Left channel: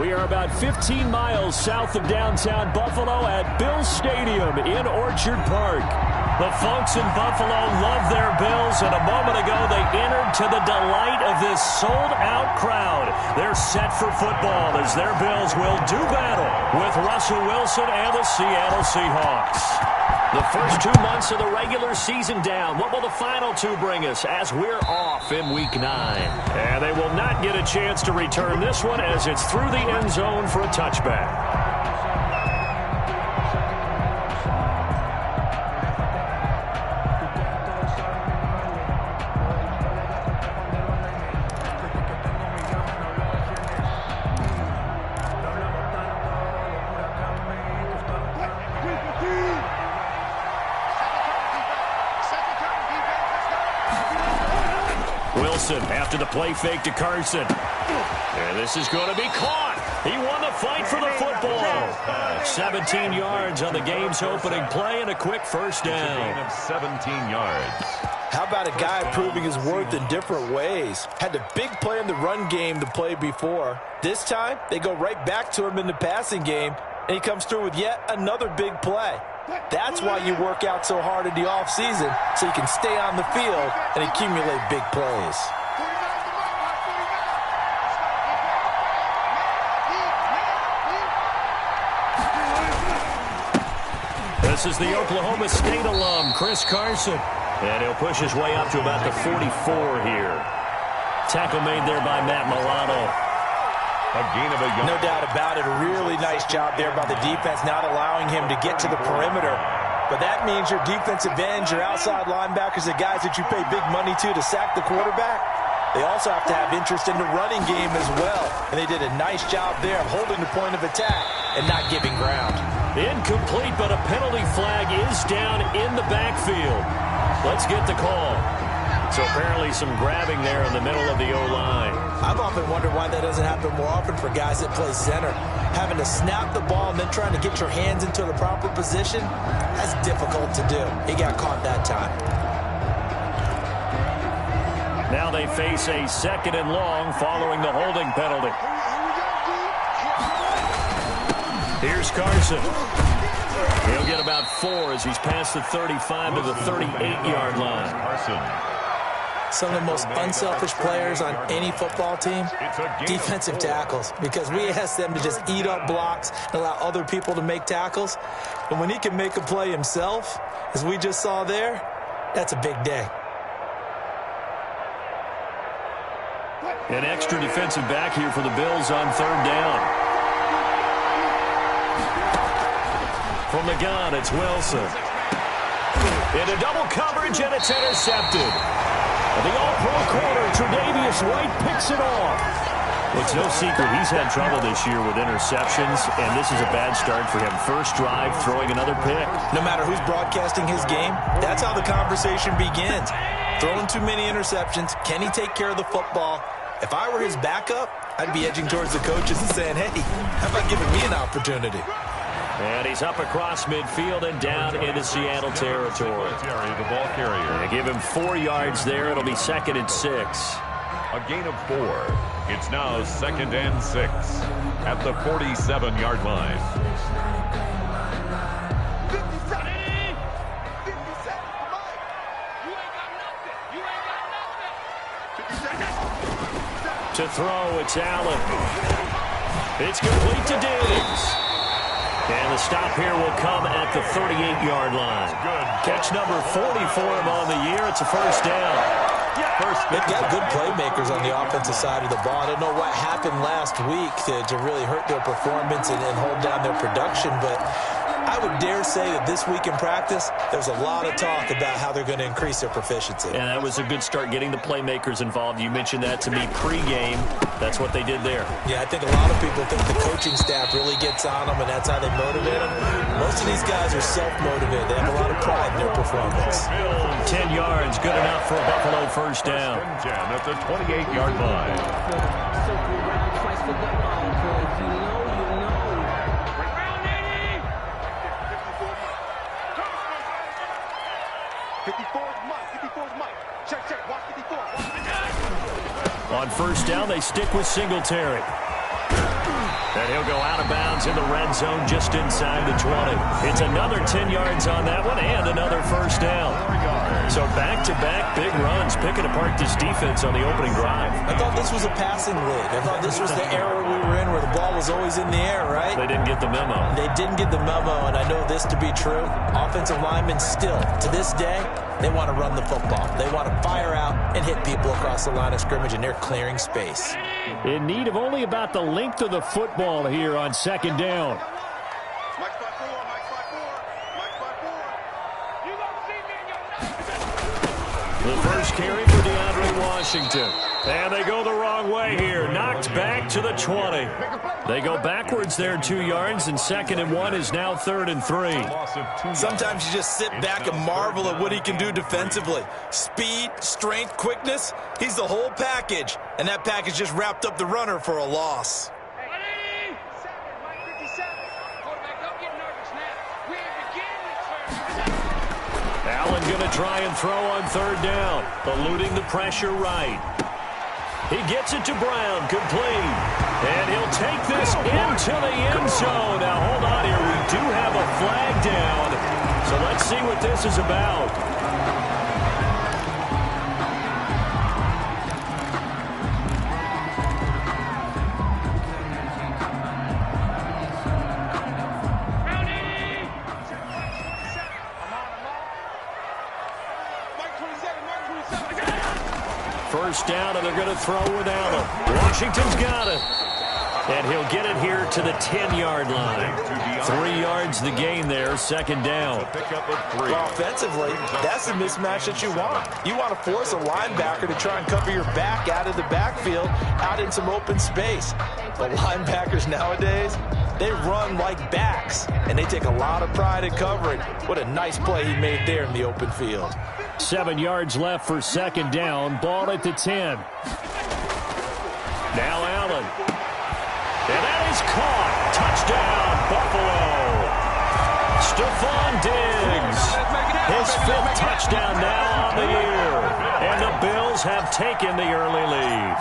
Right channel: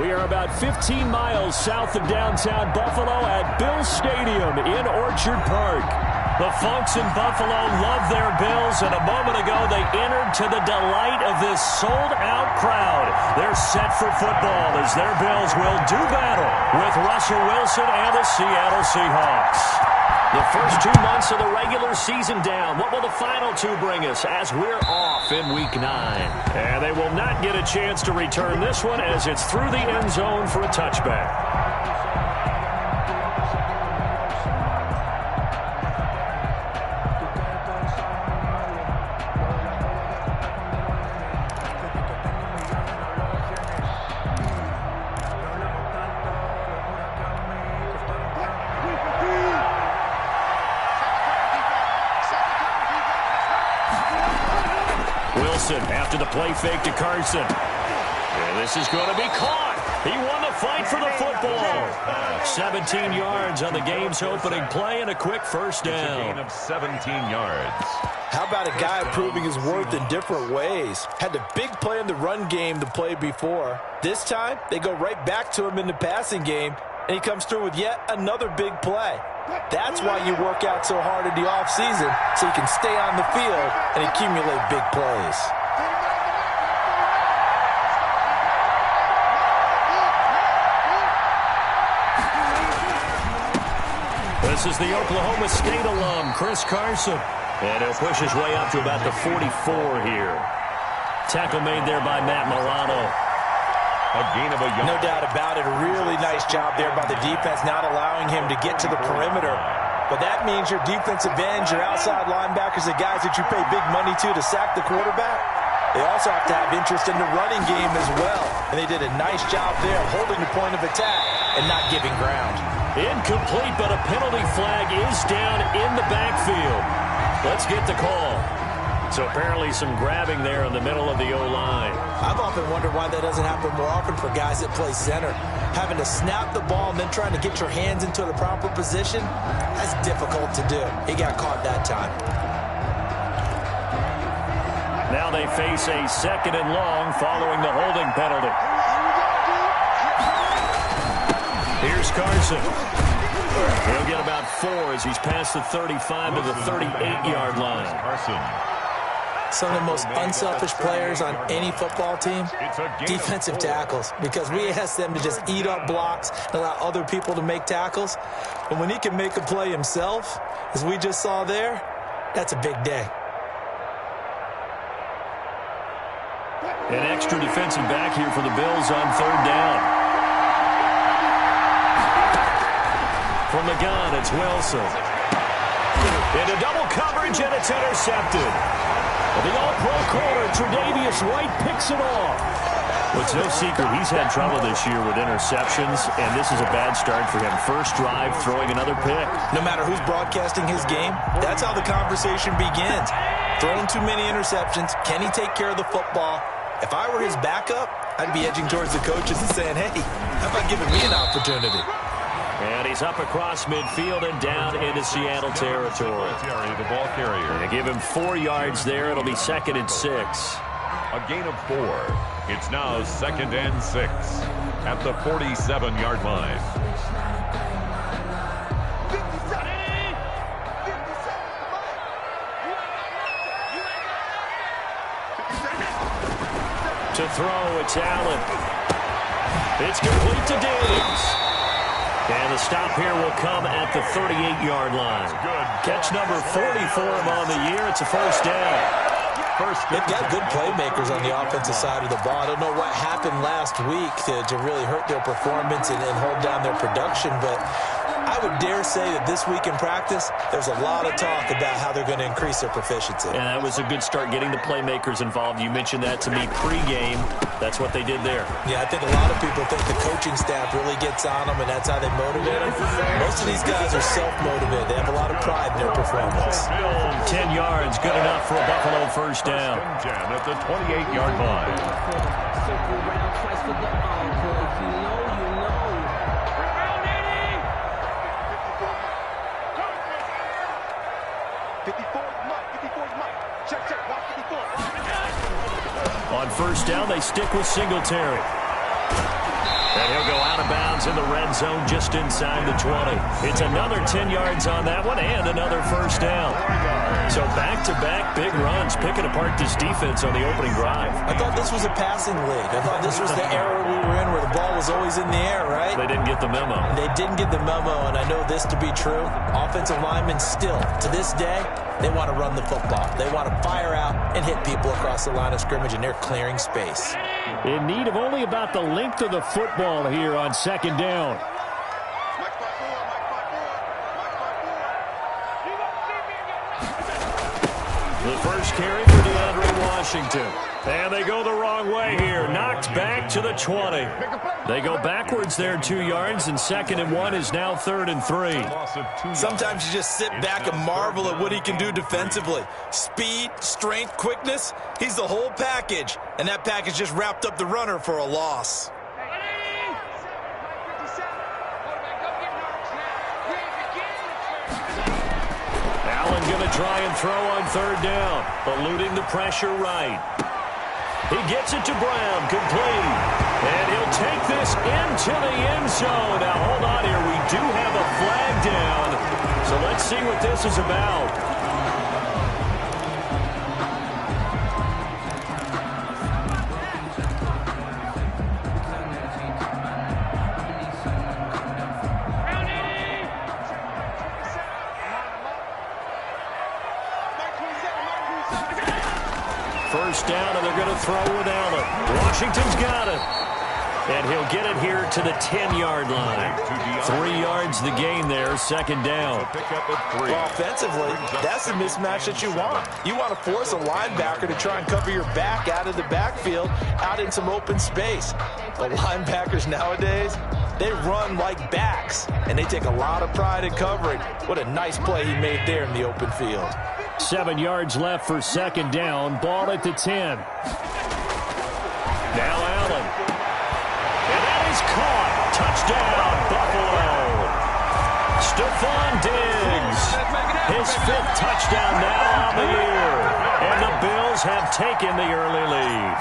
We are about 15 miles south of downtown Buffalo at Bills Stadium in Orchard Park. The folks in Buffalo love their Bills, and a moment ago they entered to the delight of this sold-out crowd. They're set for football as their Bills will do battle with Russell Wilson and the Seattle Seahawks. The first 2 months of the regular season down. What will the final 2 bring us as we're off in Week 9? And they will not get a chance to return this one as it's through the end zone for a touchback. Wilson after the play fake to Carson. And this is going to be caught. He won the fight for the football. 17 yards on the game's opening play and a quick first down. A gain of 17 yards. How about a guy proving his worth in different ways? Had the big play in the run game the play before. This time, they go right back to him in the passing game, and he comes through with yet another big play. That's why you work out so hard in the offseason, so you can stay on the field and accumulate big plays. This is the Oklahoma State alum, Chris Carson. And he'll push his way up to about the 44 here. Tackle made there by Matt Milano. A gain of a yard. No doubt about it. A really nice job there by the defense, not allowing him to get to the perimeter. But that means your defensive ends, your outside linebackers, the guys that you pay big money to sack the quarterback, they also have to have interest in the running game as well. And they did a nice job there of holding the point of attack and not giving ground. Incomplete, but a penalty flag is down in the backfield. Let's get the call. So apparently some grabbing there in the middle of the O-line. I've often wondered why that doesn't happen more often for guys that play center. Having to snap the ball and then trying to get your hands into the proper position, that's difficult to do. He got caught that time. Now they face a 2nd and long following the holding penalty. Here's Carson. He'll get about 4 as he's past the 35 to the 38-yard line. Carson. Some of the most unselfish players on any football team, defensive tackles, because we ask them to just eat up blocks and allow other people to make tackles. But when he can make a play himself, as we just saw there, that's a big day. An extra defensive back here for the Bills on 3rd down. From the gun, it's Wilson. Into double coverage, and it's intercepted. The all-pro corner, Tre'Davious White, picks it off. Well, it's no secret he's had trouble this year with interceptions, and this is a bad start for him. First drive, throwing another pick. No matter who's broadcasting his game, that's how the conversation begins. Throwing too many interceptions, can he take care of the football? If I were his backup, I'd be edging towards the coaches and saying, hey, how about giving me an opportunity? And he's up across midfield and down into Seattle territory. The ball carrier. And give him 4 yards there. It'll be 2nd and 6. A gain of 4. It's now 2nd and 6 at the 47-yard line. To throw, it's Allen. It's complete to Diggs. And the stop here will come at the 38-yard line. Catch number 40 for him on the year. It's a first down. They've got good playmakers on the offensive side of the ball. I don't know what happened last week to really hurt their performance and hold down their production, but I would dare say that this week in practice, there's a lot of talk about how they're going to increase their proficiency. And that was a good start getting the playmakers involved. You mentioned that to me pregame. That's what they did there. Yeah, I think a lot of people think the coaching staff really gets on them, and that's how they motivate them. Most of these guys are self-motivated. They have a lot of pride in their performance. 10 yards, good enough for a Buffalo first down. 10 at the 28-yard line. Circle round twice for the encore. If you know, you know. Round 80. 54's Mike. 54's Mike. Check. Watch 54. On first down, they stick with Singletary. And he'll go out of bounds in the red zone just inside the 20. It's another 10 yards on that one and another first down. So back-to-back big runs, picking apart this defense on the opening drive. I thought this was a passing league. I thought this was the era we were in where the ball was always in the air, right? They didn't get the memo. They didn't get the memo, and I know this to be true. Offensive linemen still, to this day, they want to run the football. They want to fire out and hit people across the line of scrimmage, and they're clearing space. In need of only about the length of the football here on second down. Mike's by 4, Mike's by 4, Mike's by 4. You don't see me in your The first carry for DeAndre Washington. And they go the wrong way here. Knocked back to the 20. They go backwards there 2 yards, and 2nd and 1 is now 3rd and 3. Sometimes you just sit back and marvel at what he can do defensively. Speed, strength, quickness, he's the whole package. And that package just wrapped up the runner for a loss. Allen going to try and throw on 3rd down, eluding the pressure right. He gets it to Brown, complete. And he'll take this into the end zone. Now, hold on here. We do have a flag down. So let's see what this is about. First down, and they're going to throw with Allen. Washington's got it. And he'll get it here to the 10-yard line. 3 yards the gain there, 2nd down. Well, offensively, that's the mismatch that you want. You want to force a linebacker to try and cover your back out of the backfield, out in some open space. But linebackers nowadays, they run like backs, and they take a lot of pride in covering. What a nice play he made there in the open field. 7 yards left for 2nd down. Ball at the 10. Now Allen. And that is caught. Touchdown, Buffalo. Stephon Diggs. His 5th touchdown now on the year. And the Bills have taken the early lead.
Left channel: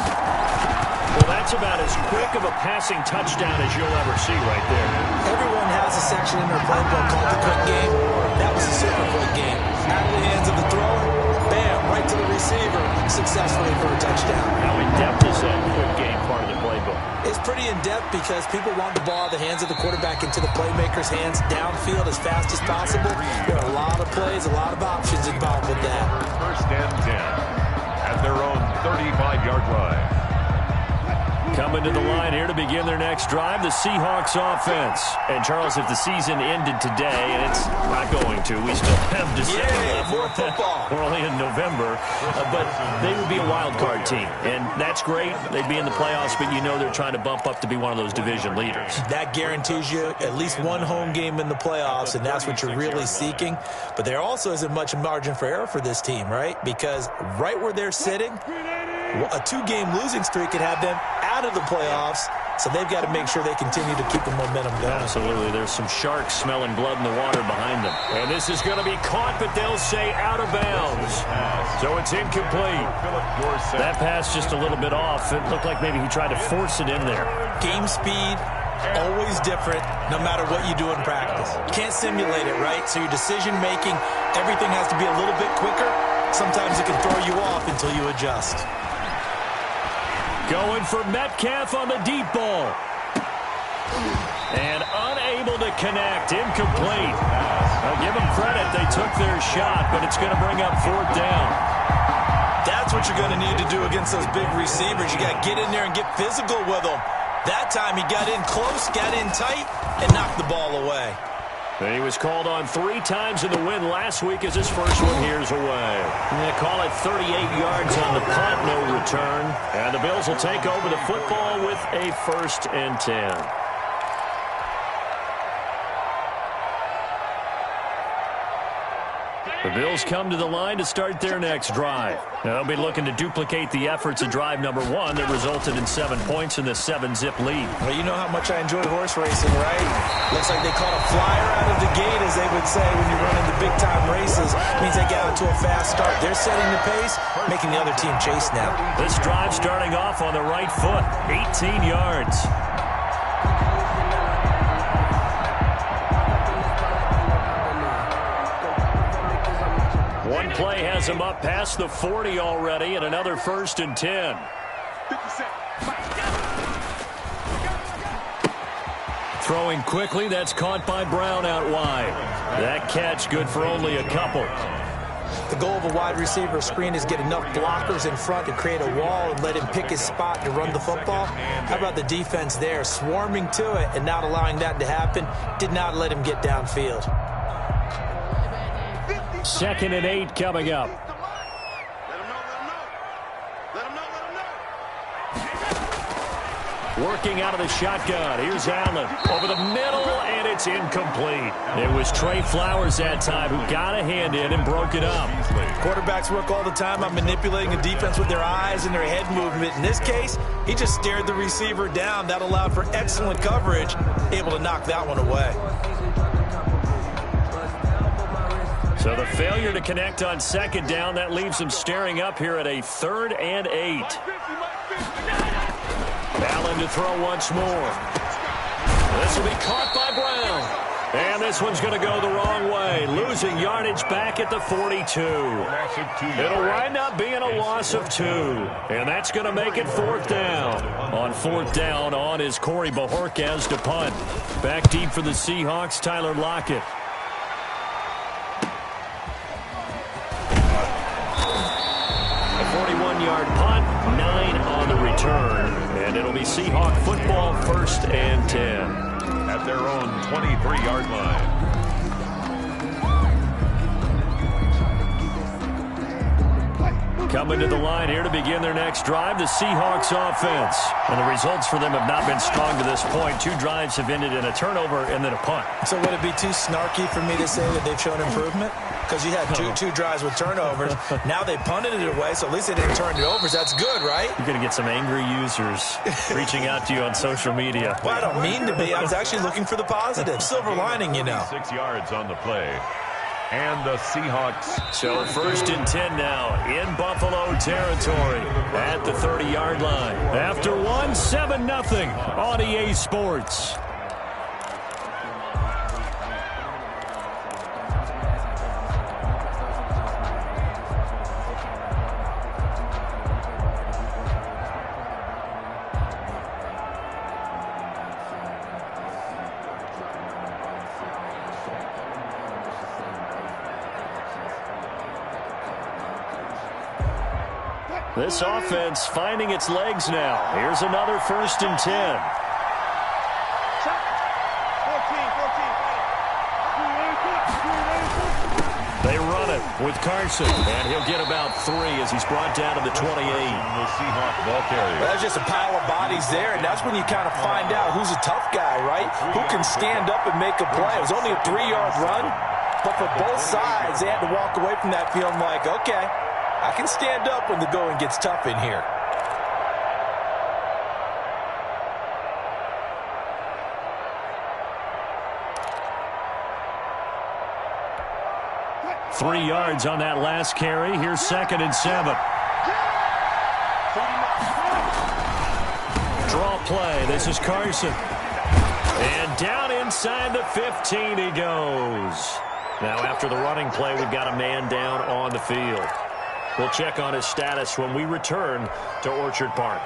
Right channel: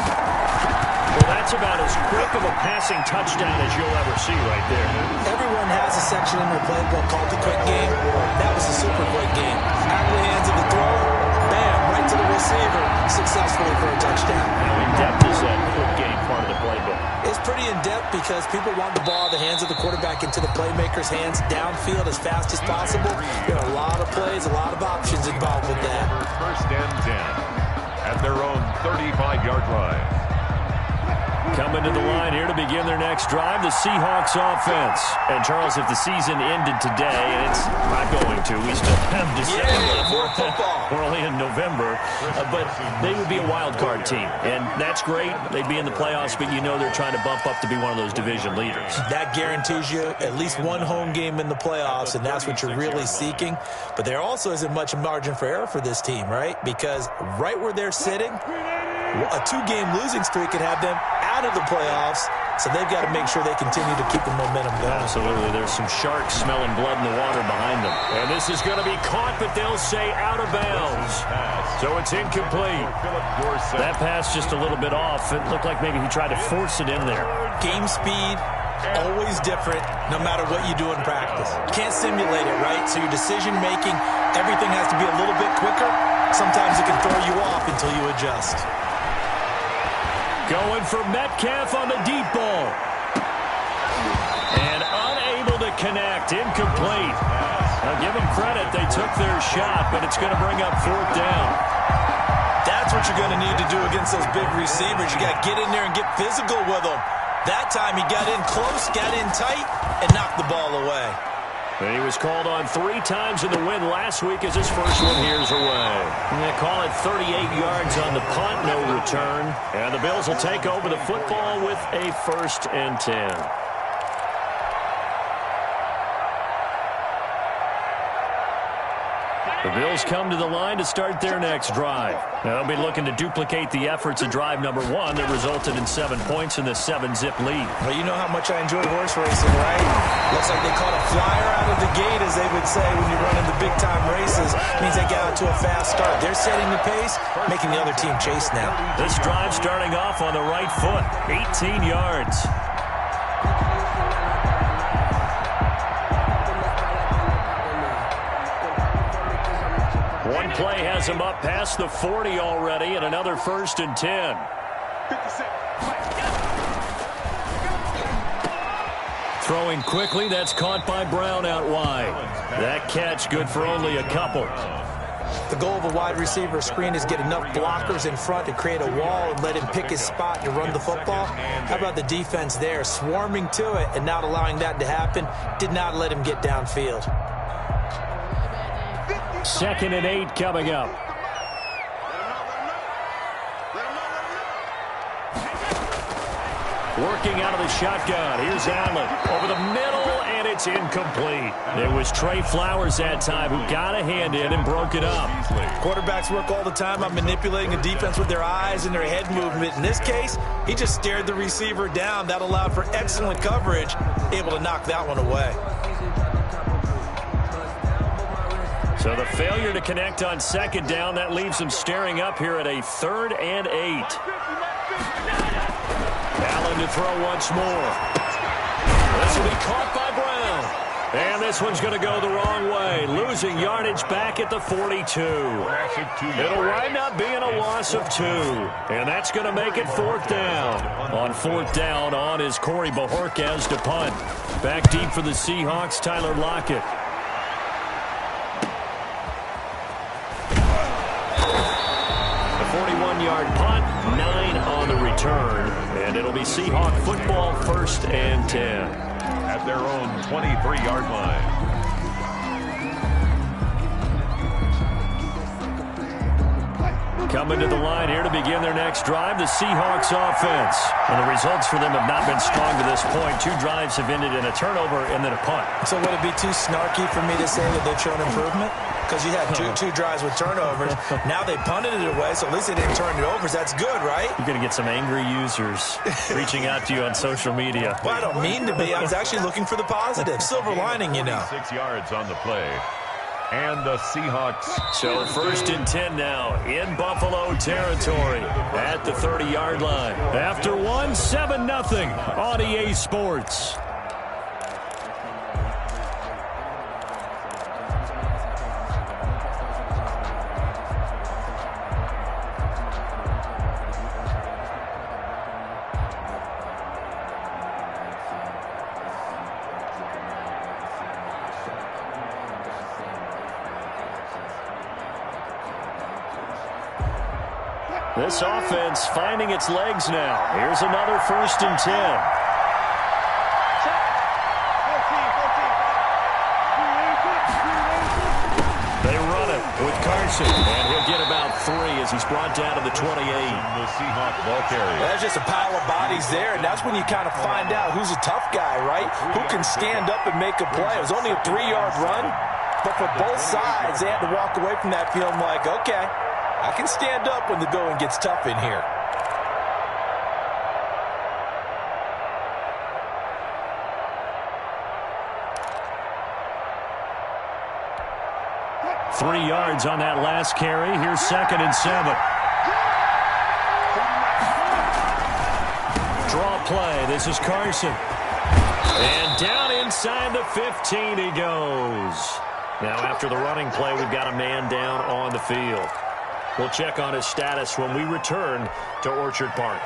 Well, that's about as quick of a passing touchdown as you'll ever see right there. Everyone has a section in their playbook called the quick game. That was a super quick game. Out of the hands of the thrower, bam, right to the receiver, successfully for a touchdown. How in-depth is that quick game part of the playbook? It's pretty in-depth because people want the ball out of the hands of the quarterback into the playmaker's hands downfield as fast as possible. There are a lot of plays, a lot of options involved with that. First and 10 at their own 35-yard line. Coming to the line here to begin their next drive, the Seahawks offense. And, Charles, if the season ended today, and it's not going to, we still have December left. More football. We're only in November. But they would be a wild card team. And that's great. They'd be in the playoffs, but you know they're trying to bump up to be one of those division leaders. That guarantees you at least one home game in the playoffs, and that's what you're really seeking. But there also isn't much margin for error for this team, right? Because right where they're sitting, a 2-game losing streak could have them out of the playoffs, so they've got to make sure they continue to keep the momentum going. Absolutely. There's some sharks smelling blood in the water behind them. And this is going to be caught, but they'll say out of bounds. So it's incomplete. That pass just a little bit off. It looked like maybe he tried to force it in there. Game speed, always different, no matter what you do in practice. You can't simulate it, right? So your decision-making, everything has to be a little bit quicker. Sometimes it can throw you off until you adjust. Going for Metcalf on the deep ball. And unable to connect. Incomplete. I'll give them credit. They took their shot, but it's going to bring up 4th down. That's what you're going to need to do against those big receivers. You got to get in there and get physical with them. That time he got in close, got in tight, and knocked the ball away. And he was called on 3 times in the win last week as his first one here's away. And they call it 38 yards on the punt, no return. And the Bills will take over the football with a 1st and 10. The Bills come to the line to start their next drive. Now, they'll be looking to duplicate the efforts of drive number 1 that resulted in 7 points in the 7-zip lead. Well, you know how much I enjoy horse racing, right? Looks like they caught a flyer out of the gate, as they would say when you're running the big-time races. It means they got out to a fast start. They're setting the pace, making the other team chase now. This drive starting off on the right foot, 18 yards. play has him up past the 40 already, and another 1st and 10. 57. Throwing quickly, that's caught by Brown out wide. That catch good for only a couple. The goal of a wide receiver screen is get enough blockers in front to create a wall and let him pick his spot to run the football. How about the defense there, swarming to it and not allowing that to happen? Did not let him get downfield. 2nd and 8 coming up. Working out of the shotgun. Here's Allen over the middle, and it's incomplete. It was Trey Flowers that time who got a hand in and broke it up. Quarterbacks work all the time on manipulating a defense with their eyes and their head movement. In this case, he just stared the receiver down. That allowed for excellent coverage, able to knock that one away. So the failure to connect on 2nd down, that leaves him staring up here at a 3rd and 8. Allen to throw once more. This will be caught by Brown. And this one's going to go the wrong way, losing yardage back at the 42. It'll wind up being a loss of 2. And that's going to make it 4th down. On 4th down, on is Corey Bajorquez to punt. Back deep for the Seahawks, Tyler Lockett. A 41-yard punt, 9 on the return. And it'll be Seahawk football, 1st and 10. At their own 23-yard line. Coming to the line here to begin their next drive, the Seahawks offense. And the results for them have not been strong to this point. 2 drives have ended in a turnover and then a punt. So would it be too snarky for me to say that they've shown improvement? Because you had two drives with turnovers. Now they punted it away, so at least they didn't turn it over. So that's good, right? You're going to get some angry users reaching out to you on social media. Well, I don't mean to be. I was actually looking for the positive. Silver lining, you know. 6 yards on the play. And the Seahawks. So 1st and 10 now in Buffalo territory at the 30-yard line. After 7-0 on EA Sports. This offense finding its legs now. Here's another 1st and 10. They run it with Carson, and he'll get about 3 as he's brought down to the 28. The Seahawk ball carrier. Well, there's just a pile of bodies there, and that's when you kind of find out who's a tough guy, right? Who can stand up and make a play. It was only a 3-yard run, but for both sides, they had to walk away from that feeling like, okay, I can stand up when the going gets tough in here. Three yards on that last carry. Here's 2nd and 7. Draw play. This is Carson. And down inside the 15 he goes. Now after the running play, we've got a man down on the field. We'll check on his status when we return to Orchard Park.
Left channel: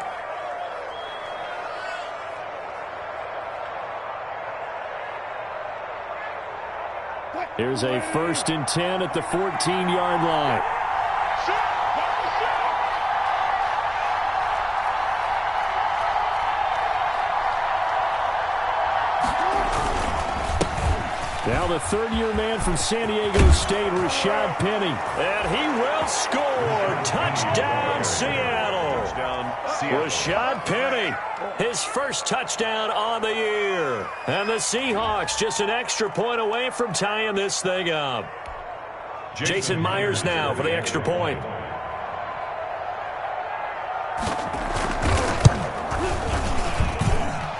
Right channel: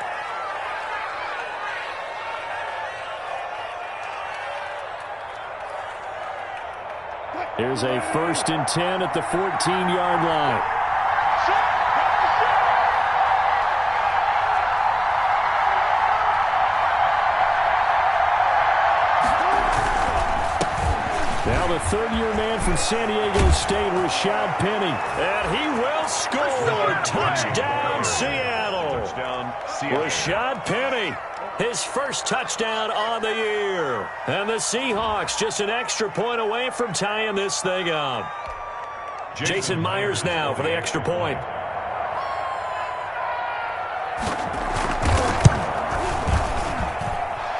Here's a 1st and 10 at the 14-yard line. Now the third-year man from San Diego State, Rashad Penny. And he will score. Touchdown, Seattle. Touchdown, Seattle. Rashad Penny, his first touchdown on the year. And the Seahawks just an extra point away from tying this thing up. Jason Myers now for the extra point.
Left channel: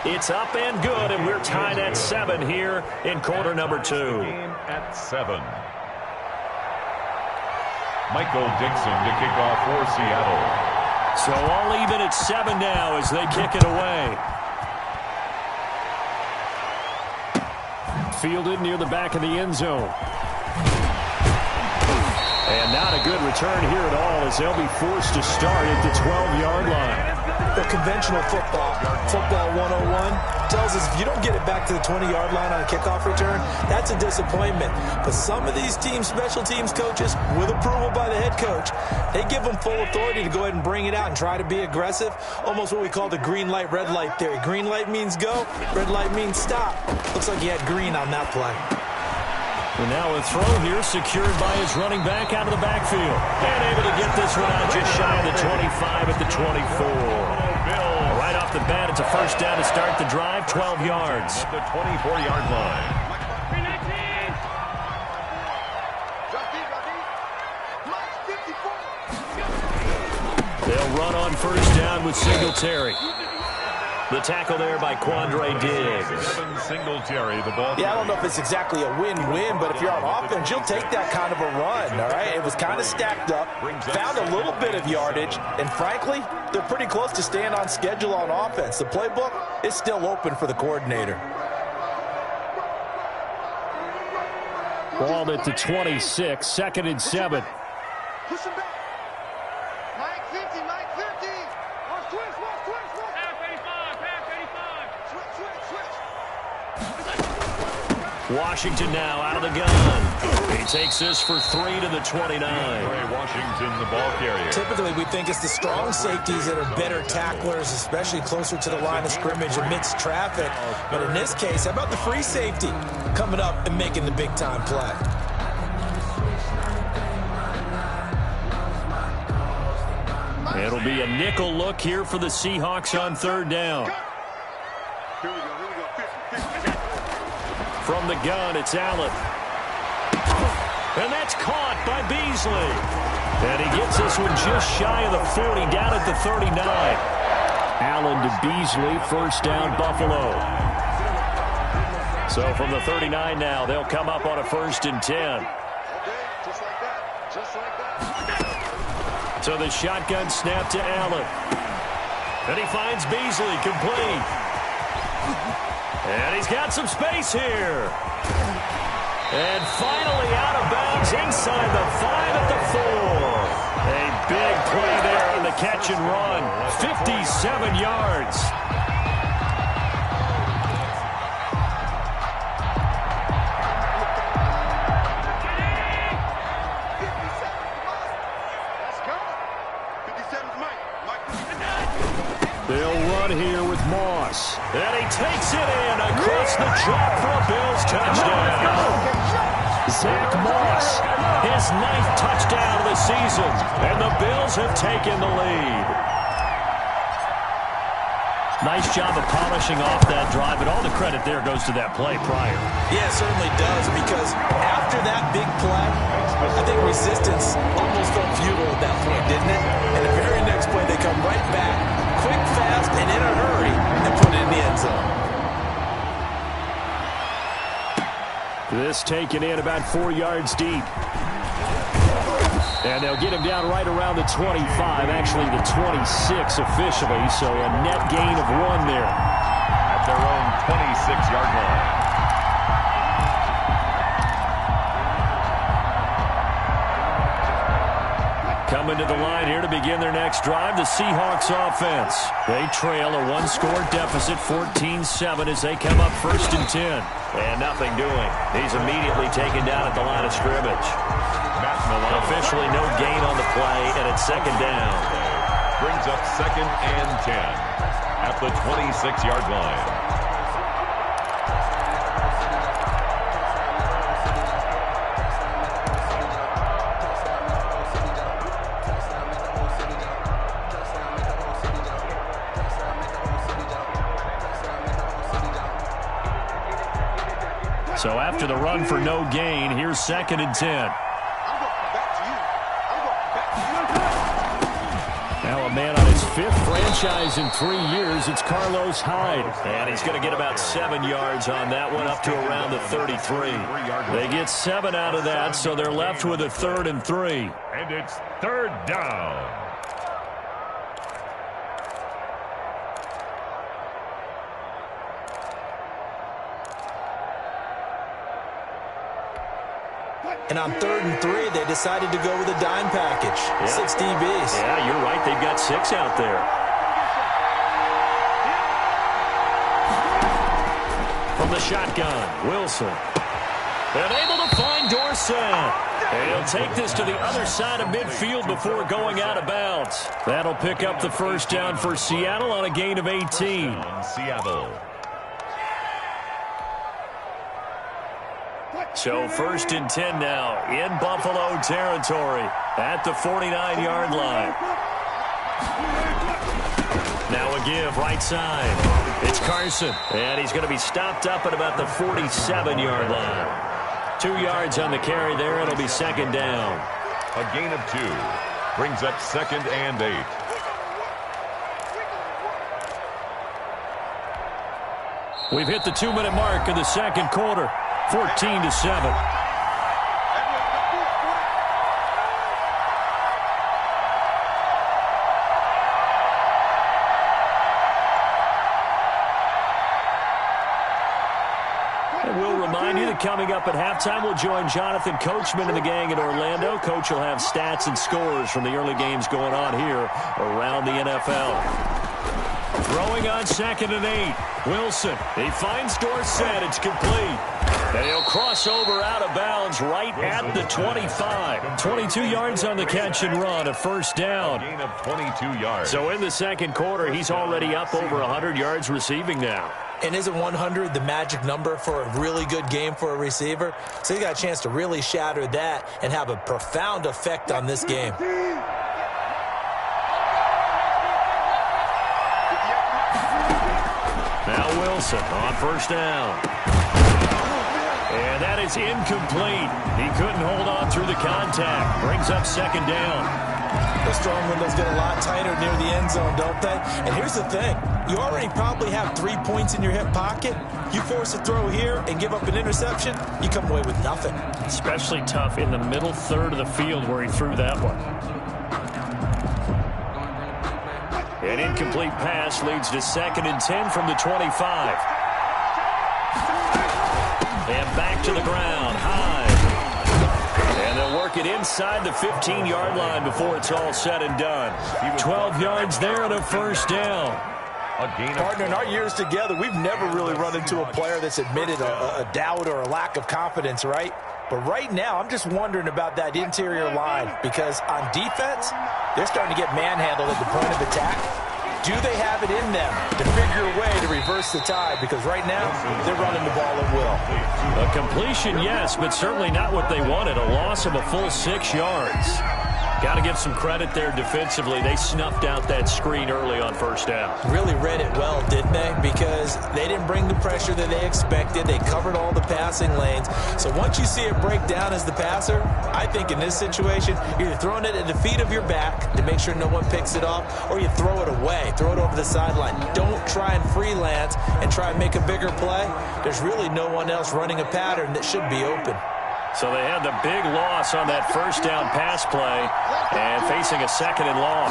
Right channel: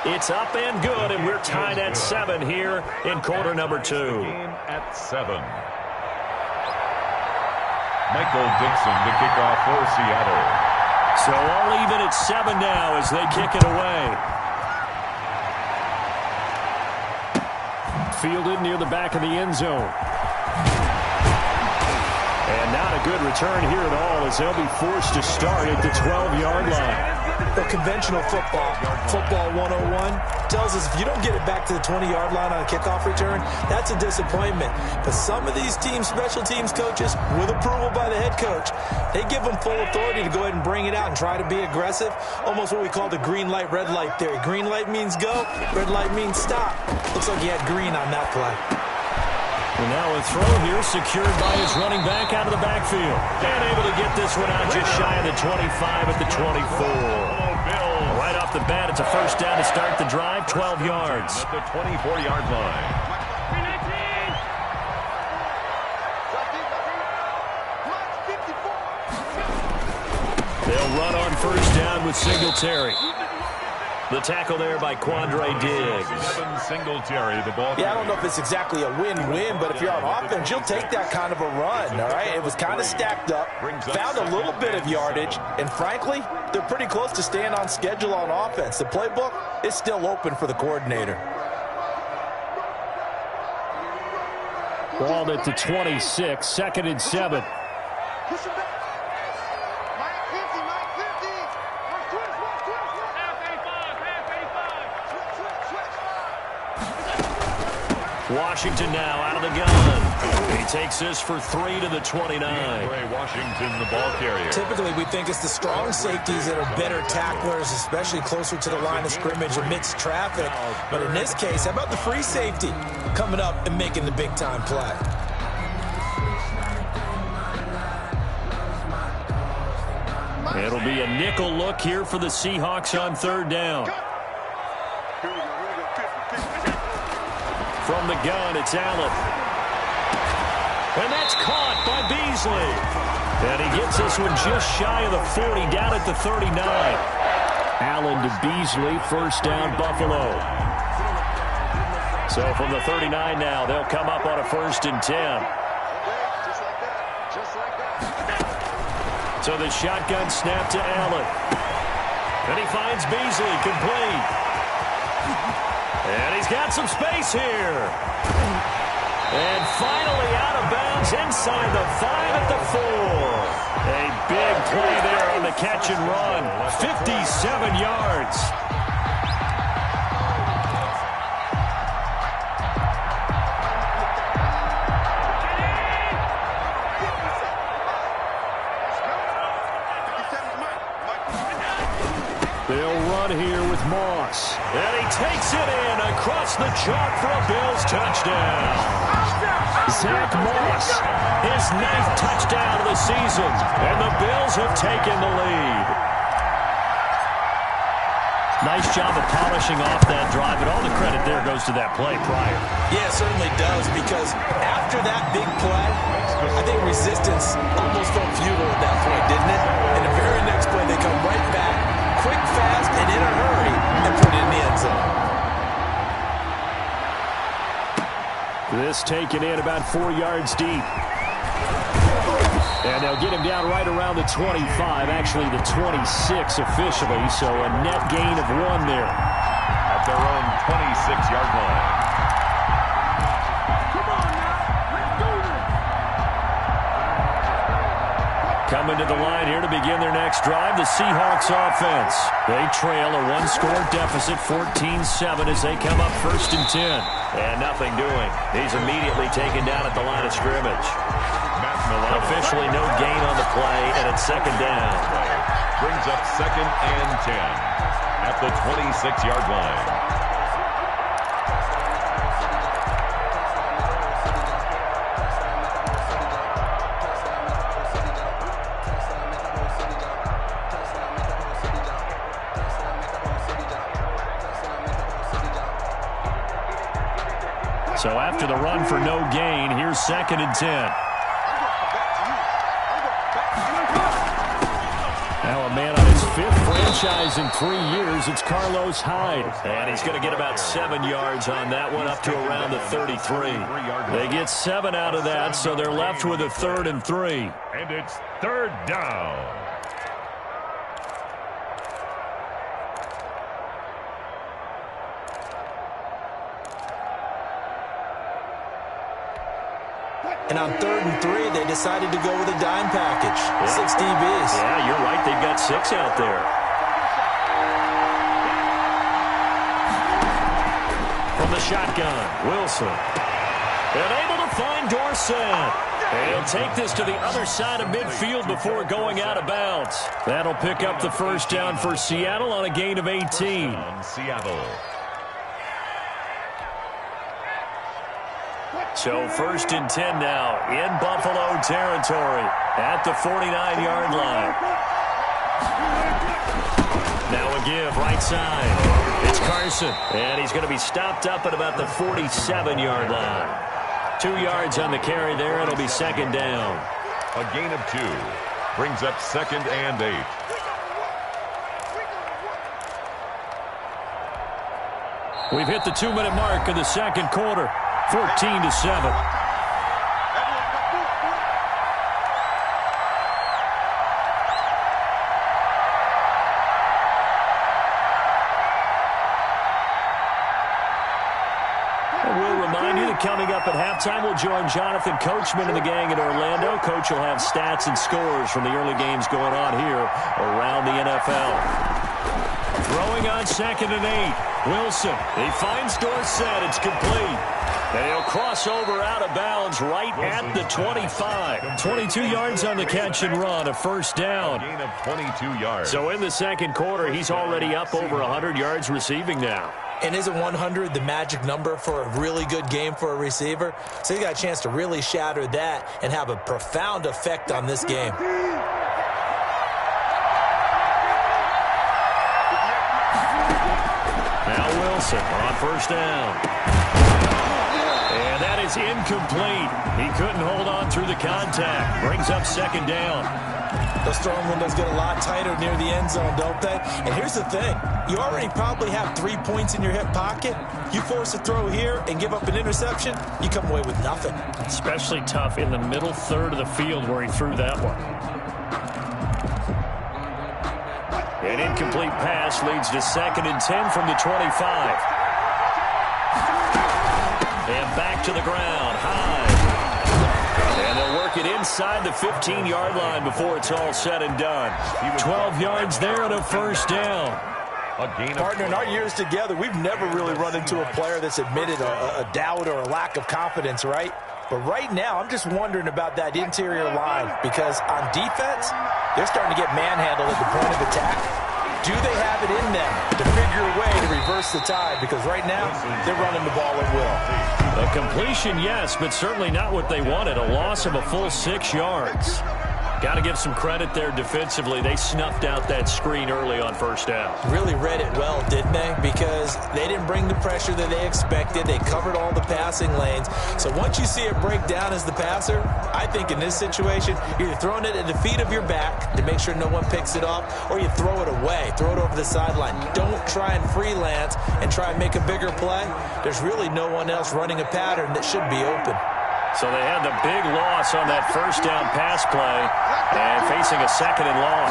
It's up and good, and we're tied at 7 here in quarter number 2. Game at 7. Michael Dixon to kick off for Seattle. So all even at 7 now as they kick it away. Fielded near the back of the end zone. And not a good return here at all as they'll be forced to start at the 12-yard line. The conventional football 101, tells us if you don't get it back to the 20-yard line on a kickoff return, that's a disappointment. But some of these teams, special teams coaches, with approval by the head coach, they give them full authority to go ahead and bring it out and try to be aggressive. Almost what we call the green light, red light theory. Green light means go, red light means stop. Looks like he had green on that play. And now a throw here secured by his running back out of the backfield. And able to get this one out just shy of the 25 at the 24. Right off the bat, it's a first down to start the drive, 12 yards. At the 24-yard line. They'll run on first down with Singletary. The tackle there by Quandre Diggs. Singletary, the ball. Yeah, I don't know if it's exactly a win-win, but if you're on offense, you'll take that kind of a run, all right? It was kind of stacked up, found a little bit of yardage, and frankly, they're pretty close to staying on schedule on offense. The playbook is still open for the coordinator. Ball at the 26, 2nd and 7. Push him back. Mike 50, Mike 50. Switch. Half 85. Switch. Washington now out of the gun. He takes this for 3 to the 29. Ray Washington, the ball carrier. Typically, we think it's the strong safeties that are better tacklers, especially closer to the line of scrimmage amidst traffic. But in this case, how about the free safety coming up and making the big-time play? It'll be a nickel look here for the Seahawks on 3rd down. Here we go. 50. From the gun, it's Allen. And that's caught by Beasley. And he gets this one just shy of the 40, down at the 39. Allen to Beasley, first down, Buffalo. So from the 39 now, they'll come up on a 1st and 10. Just like that. So the shotgun snap to Allen. And he finds Beasley, complete. And he's got some space here. And finally out of bounds inside the 5 at the 4. A big play there on the catch and run. 57 yards. They'll run here with Moss. And he takes it in across the chalk for a Bills touchdown. Zach Moss, his 9th touchdown of the season. And the Bills have taken the lead. Nice job of polishing off that drive, and all the credit there goes to that play prior. Yeah, it certainly does, because after that big play, I think resistance almost felt futile at that point, didn't it? And the very next play, they come right back, quick, fast, and in a hurry, and put it in the end zone. This taken in about 4 yards deep. And they'll get him down right around the 25, actually the 26 officially, so a net gain of 1 there. At their own 26-yard line. Coming to the line here to begin their next drive, the Seahawks offense. They trail a 1-score deficit, 14-7, as they come up 1st and 10. And nothing doing. He's immediately taken down at the line of scrimmage. Officially no gain on the play, and it's 2nd down. Brings up 2nd and 10 at the 26-yard line. So after the run for no gain, here's 2nd and 10. Now a man on his 5th franchise in 3 years, it's Carlos Hyde. And he's going to get about 7 yards on that one, up to around the 33. They get 7 out of that, so they're left with a 3rd and 3. And it's 3rd down. And on 3rd and 3, they decided to go with a dime package. Yeah. 6 DBs. Yeah, you're right. They've got 6 out there. From the shotgun, Wilson. And able to find Dorsett. And he'll take this to the other side of midfield before going out of bounds. That'll pick up the first down for Seattle on a gain of 18. Seattle. So 1st and 10 now in Buffalo territory at the 49-yard line. Now a give right side. It's Carson. And he's going to be stopped up at about the 47-yard line. 2 yards on the carry there. It'll be 2nd down. A gain of 2. Brings up 2nd and 8. We've hit the 2-minute mark in the 2nd quarter. 14-7. And we'll remind you that coming up at halftime, we'll join Jonathan Coachman and the gang in Orlando. Coach will have stats and scores from the early games going on here around the NFL. Throwing on 2nd and 8. Wilson, he finds Dorsett. It's complete. And he'll cross over out of bounds right at the 25. 22 yards on the catch and run, a first down. A gain of 22 yards. So in the 2nd quarter, he's already up over 100 yards receiving now. And isn't 100 the magic number for a really good game for a receiver? So he got a chance to really shatter that and have a profound effect on this game. Now Wilson on first down. And that is incomplete. He couldn't hold on through the contact. Brings up 2nd down. Those throwing windows get a lot tighter near the end zone, don't they? And here's the thing. You already probably have 3 points in your hip pocket. You force a throw here and give up an interception, you come away with nothing. Especially tough in the middle third of the field where he threw that one. An incomplete pass leads to 2nd and 10 from the 25. And back to the ground, high. And they'll work it inside the 15-yard line before it's all said and done. 12 yards there and a first down. Partner, in our years together, we've never really run into a player that's admitted a doubt or a lack of confidence, right? But right now, I'm just wondering about that interior line because on defense, they're starting to get manhandled at the point of attack. Do they have it in them to figure a way to reverse the tide? Because right now, they're running the ball at will. A completion, yes, but certainly not what they wanted. A loss of a full 6 yards. Got to give some credit there defensively. They snuffed out that screen early on first down. Really read it well, didn't they? Because they didn't bring the pressure that they expected. They covered all the passing lanes. So once you see it break down as the passer, I think in this situation, you're either throwing it at the feet of your back to make sure no one picks it off, or you throw it away, throw it over the sideline. Don't try and freelance and try and make a bigger play. There's really no one else running a pattern that should be open. So they had the big loss on that first down pass play and facing a 2nd and long.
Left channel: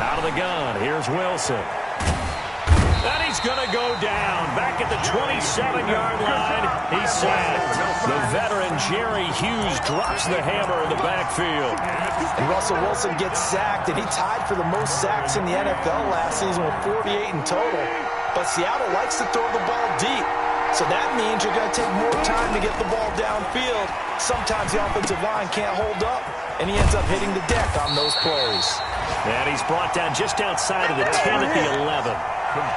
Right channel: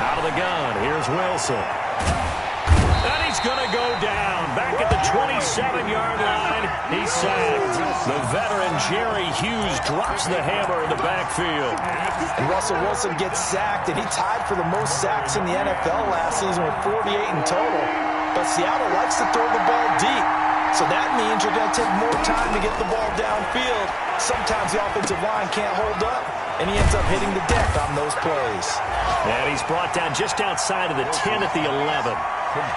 Out of the gun, here's Wilson. And he's going to go down. Back at the 27-yard line, he's sacked. The veteran Jerry Hughes drops the hammer in the backfield. And Russell Wilson gets sacked, and he tied for the most sacks in the NFL last season with 48 in total. But Seattle likes to throw the ball deep. So that means you're going to take more time to get the ball downfield. Sometimes the offensive line can't hold up, and he ends up hitting the deck on those plays. And he's brought down just outside of the 10 at the 11.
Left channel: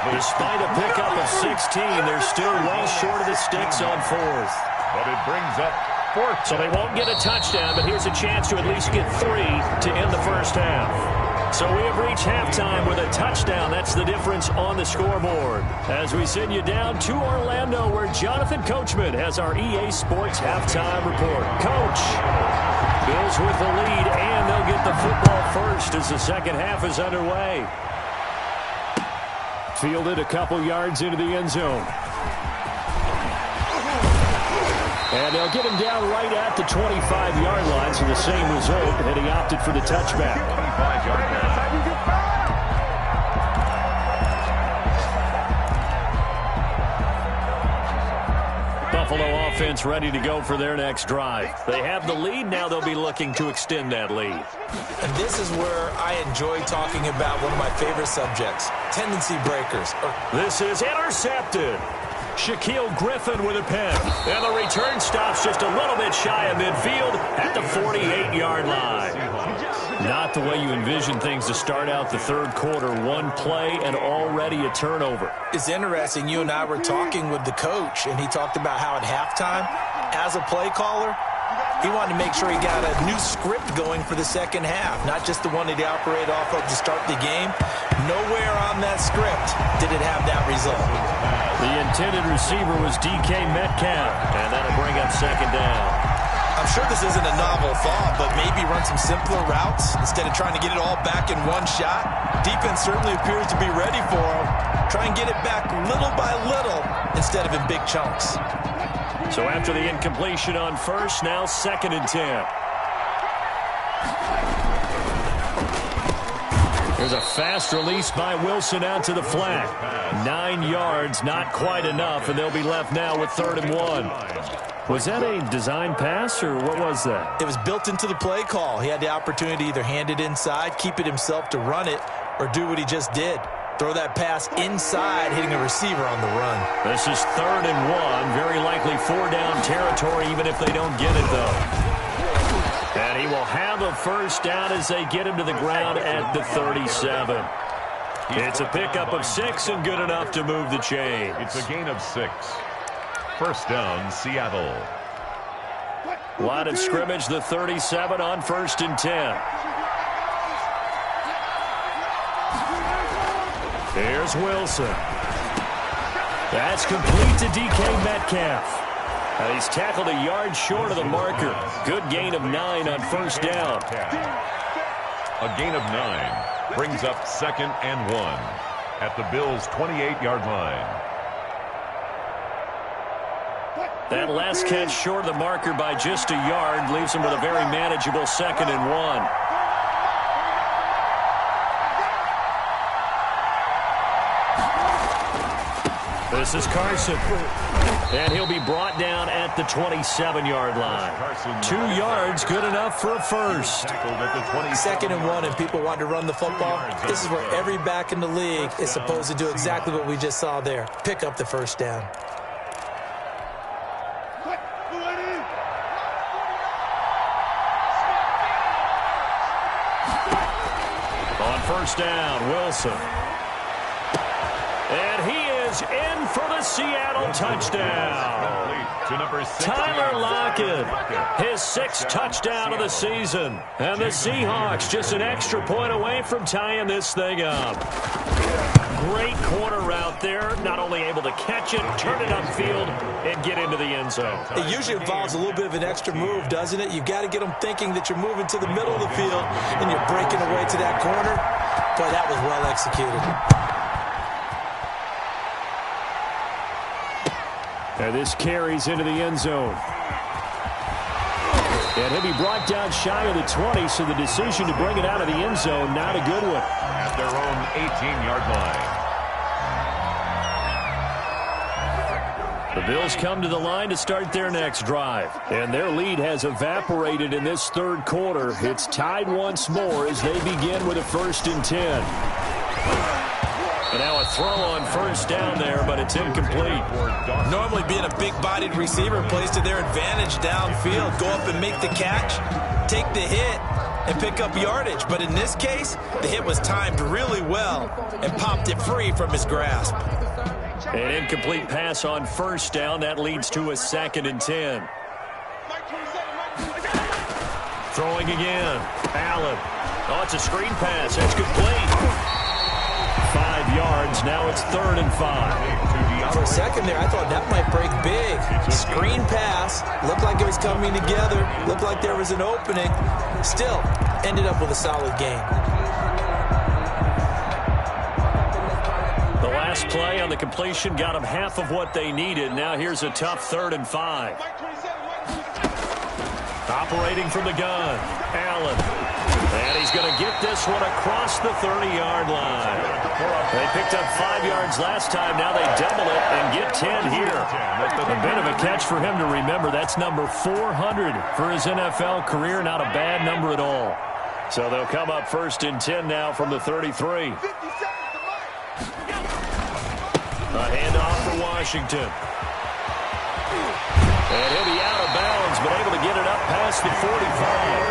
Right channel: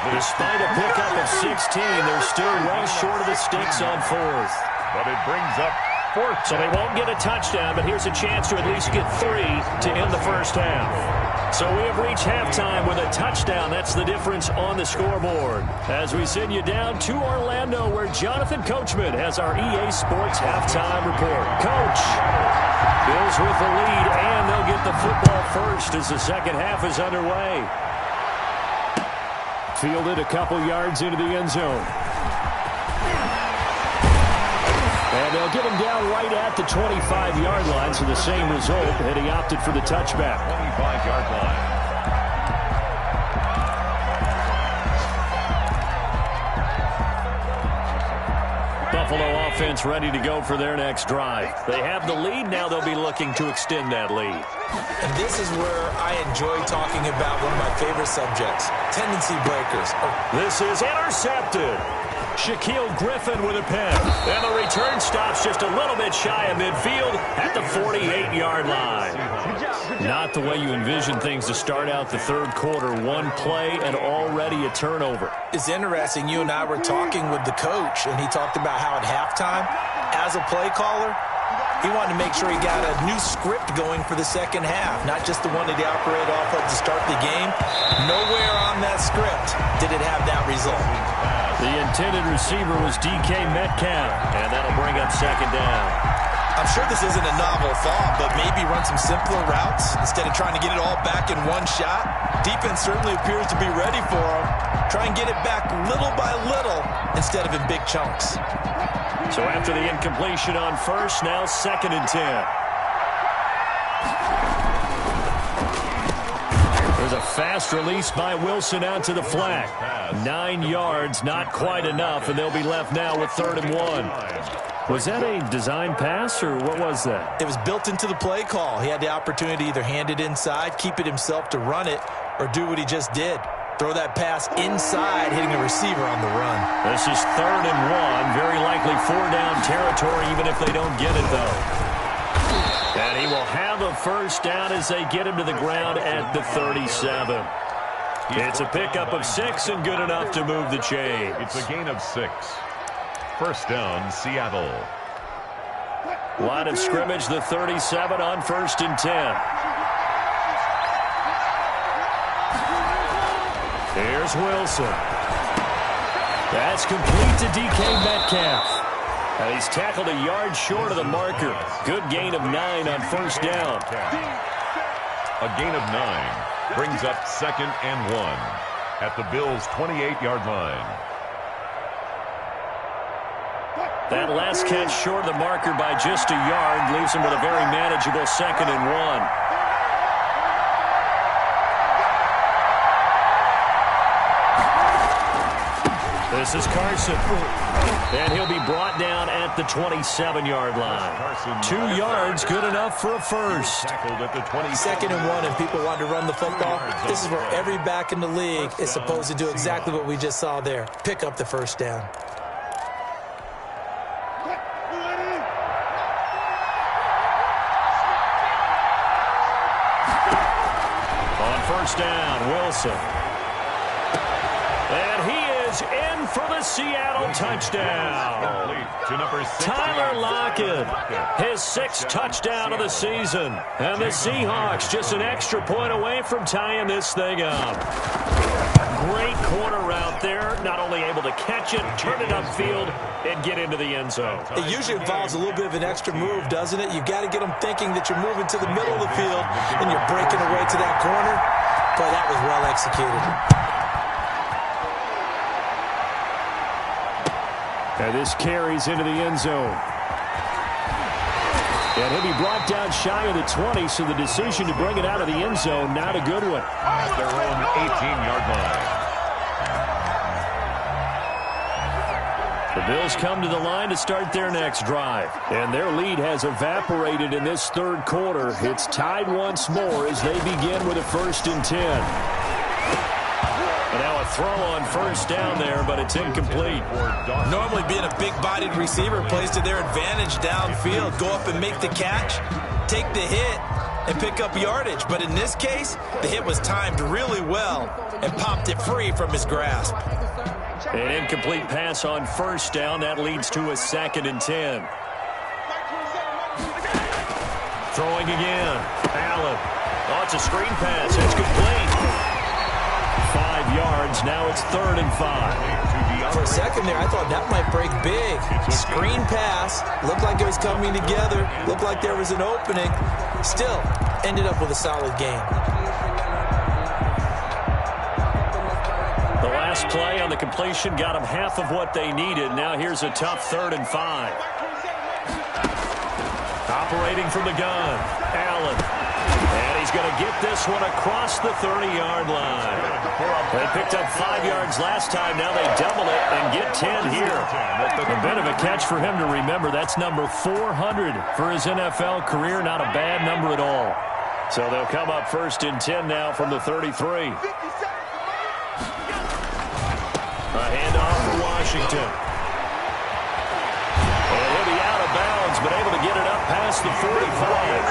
Despite a pickup of 16, they're still well short of the sticks on 4th. But it brings up 4th. So they won't get a touchdown, but here's a chance to at least get 3 to end the first half. So we have reached halftime with a touchdown. That's the difference on the scoreboard. As we send you down to Orlando, where Jonathan Coachman has our EA Sports halftime report. Coach, Bills with the lead, and they'll get the football first as the second half is underway. Fielded a couple yards into the end zone. And they'll get him down right at the 25-yard line, so the same result, and he opted for the touchback. 25-yard line. Buffalo offense ready to go for their next drive. They have the lead. Now they'll be looking to extend that lead. And this is where I enjoy talking about one of my favorite subjects, tendency breakers. This is intercepted. Shaquille Griffin with a pick. And the return stops just a little bit shy of midfield at the 48-yard line. Not the way you envision things to start out the third quarter. One play and already a turnover. It's interesting. You and I were talking with the coach, and he talked about how at halftime, as a play caller, he wanted to make sure he got a new script going for the second half, not just the one that he operated off of to start the game. Nowhere on that script did it have that result. The intended receiver was DK Metcalf, and that'll bring up second down. I'm sure this isn't a novel thought, but maybe run some simpler routes instead of trying to get it all back in one shot. Defense certainly appears to be ready for him. Try and get it back little by little instead of in big chunks. So after the incompletion on first, now 2nd and 10. There's a fast release by Wilson out to the flat. 9 yards, not quite enough, and they'll be left now with 3rd and 1. Was that a design pass, or what was that? It was built into the play call. He had the opportunity to either hand it inside, keep it himself to run it, or do what he just did. Throw that pass inside, hitting a receiver on the run. This is 3rd and 1. Very likely 4-down territory, even if they don't get it, though. And he will have a first down as they get him to the ground at the 37. It's a pickup of 6 and good enough to move the chains. It's a gain of 6. First down, Seattle. Line of scrimmage, the 37 on 1st and 10. Here's Wilson. That's complete to DK Metcalf. And he's tackled a yard short of the marker. Good gain of 9 on 1st down. A gain of 9 brings up 2nd and 1 at the Bills' 28-yard line. That last catch short of the marker by just a yard leaves him with a very manageable 2nd and 1. This is Carson. And he'll be brought down at the 27-yard line. 2 yards, good enough for a first. 2nd and 1, and people want to run the football. This is where every back in the league is supposed to do exactly what we just saw there. Pick up the first down. On 1st down, Wilson. And he is in for the Seattle touchdown. Tyler Lockett, his 6th touchdown of the season. And the Seahawks just an extra point away from tying this thing up. Great corner route there. Not only able to catch it, turn it upfield, and get into the end zone. It usually involves a little bit of an extra move, doesn't it? You've got to get them thinking that you're moving to the middle of the field and you're breaking away to that corner. Boy, that was well executed. And this carries into the end zone. And he'll be brought down shy of the 20, so the decision to bring it out of the end zone, not a good one. At their own 18-yard line. The Bills come to the line to start their next drive. And their lead has evaporated in this third quarter. It's tied once more as they begin with a 1st and 10. And now a throw on 1st down there, but it's incomplete. Normally being a big-bodied receiver plays to their advantage downfield. Go up and make the catch, take the hit, and pick up yardage. But in this case, the hit was timed really well and popped it free from his grasp. An incomplete pass on 1st down. That leads to a 2nd and 10. Throwing again. Allen. Oh, it's a screen pass. It's complete. 5 yards. Now it's 3rd and 5. For a second there, I thought that might break big. Screen pass. Looked like it was coming together. Looked like there was an opening. Still, ended up with a solid game. The last play on the completion got them half of what they needed. Now here's a tough 3rd and 5. Operating from the gun. Allen. And he's going to get this one across the 30-yard line. They picked up 5 yards last time. Now they double it and get 10 here. A bit of a catch for him to remember. That's number 400 for his NFL career. Not a bad number at all. So they'll come up 1st and 10 now from the 33. A handoff for Washington. And he'll be out of bounds, but able to get it up past the 45.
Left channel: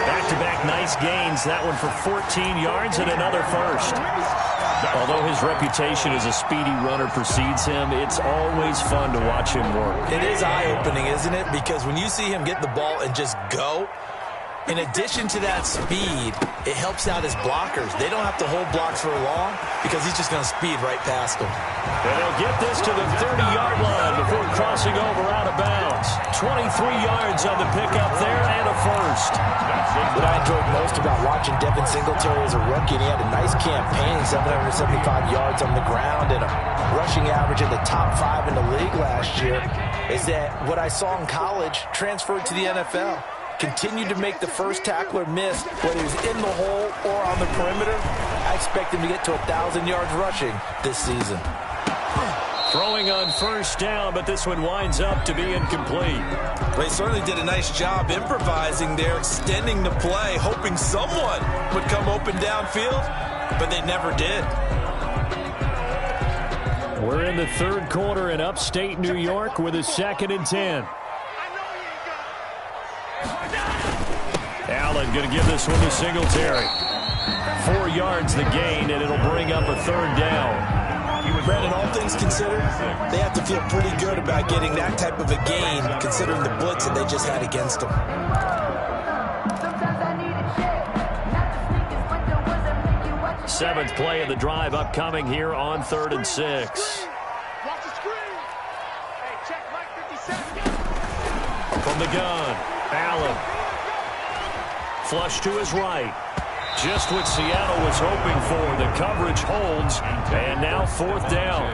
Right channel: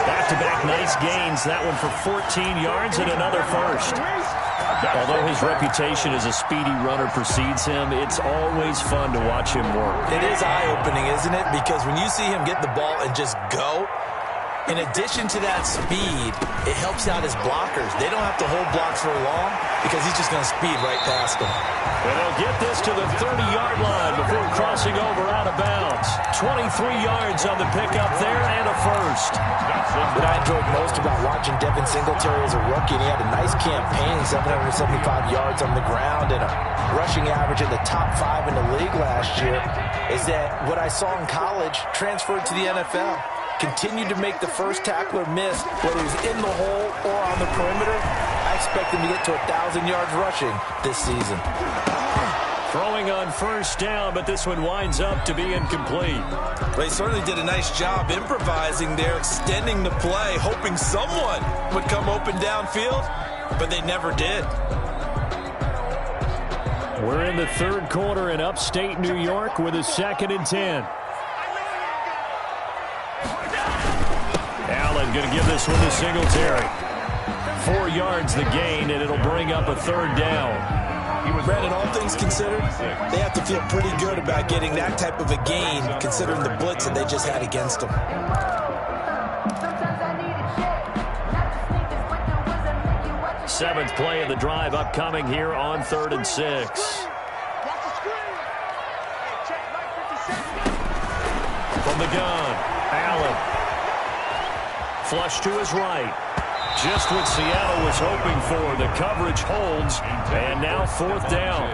Back-to-back nice gains. That one for 14 yards and another first. Although his reputation as a speedy runner precedes him, it's always fun to watch him work. It is eye-opening, isn't it? Because when you see him get the ball and just go, in addition to that speed, it helps out his blockers. They don't have to hold blocks for long because he's just going to speed right past them. And they'll get this to the 30-yard line before crossing over out of bounds. 23 yards on the pickup there and a first. What I enjoyed most about watching Devin Singletary as a rookie, and he had a nice campaign, 775 yards on the ground and a rushing average in the top 5 in the league last year, is that what I saw in college transferred to the NFL. Continued to make the first tackler miss, whether he was in the hole or on the perimeter. I expect him to get to 1,000 yards rushing this season. Throwing on first down, but this one winds up to be incomplete. They certainly did a nice job improvising there, extending the play, hoping someone would come open downfield, but they never did. We're in the third quarter in upstate New York with a 2nd and 10. Allen going to give this one to Singletary. 4 yards the gain, and it'll bring up a 3rd down. Brandon, all things considered, they have to feel pretty good about getting that type of a gain, considering the blitz that they just had against them. Seventh play of the drive upcoming here on 3rd and 6. Watch the screen. Hey, check Mike 57. From the gun, Allen. Flush to his right. Just what Seattle was hoping for. The coverage holds, and now 4th down.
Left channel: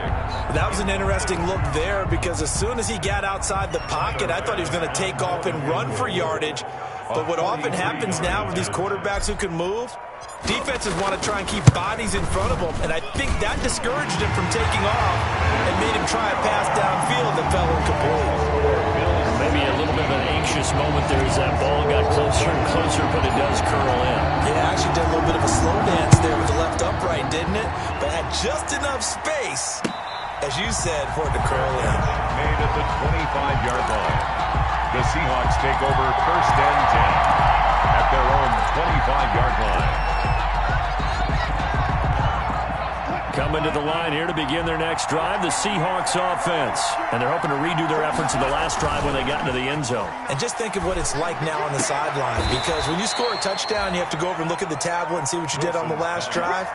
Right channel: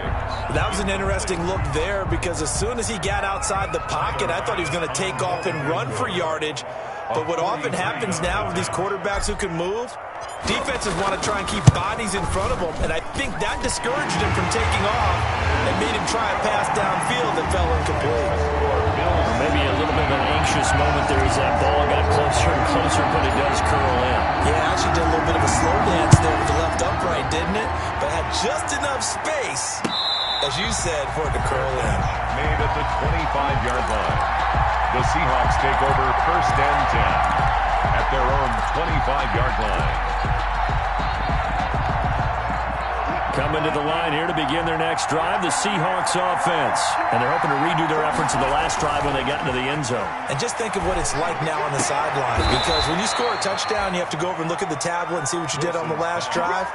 That was an interesting look there because as soon as he got outside the pocket, I thought he was going to take off and run for yardage. But what often happens now with these quarterbacks who can move, defenses want to try and keep bodies in front of them, and I think that discouraged him from taking off and made him try a pass downfield that fell incomplete. Maybe a little bit of an anxious moment there as that ball got closer and closer, but it does curl in. Yeah, actually did a little bit of a slow dance there with the left upright, didn't it? But had just enough space, as you said, for it to curl in. Made at the 25-yard line. The Seahawks take over 1st and 10 at their own 25-yard line. Coming to the line here to begin their next drive, the Seahawks offense. And they're hoping to redo their efforts in the last drive when they got into the end zone. And just think of what it's like now on the sideline, because when you score a touchdown, you have to go over and look at the tablet and see what you did on the last drive.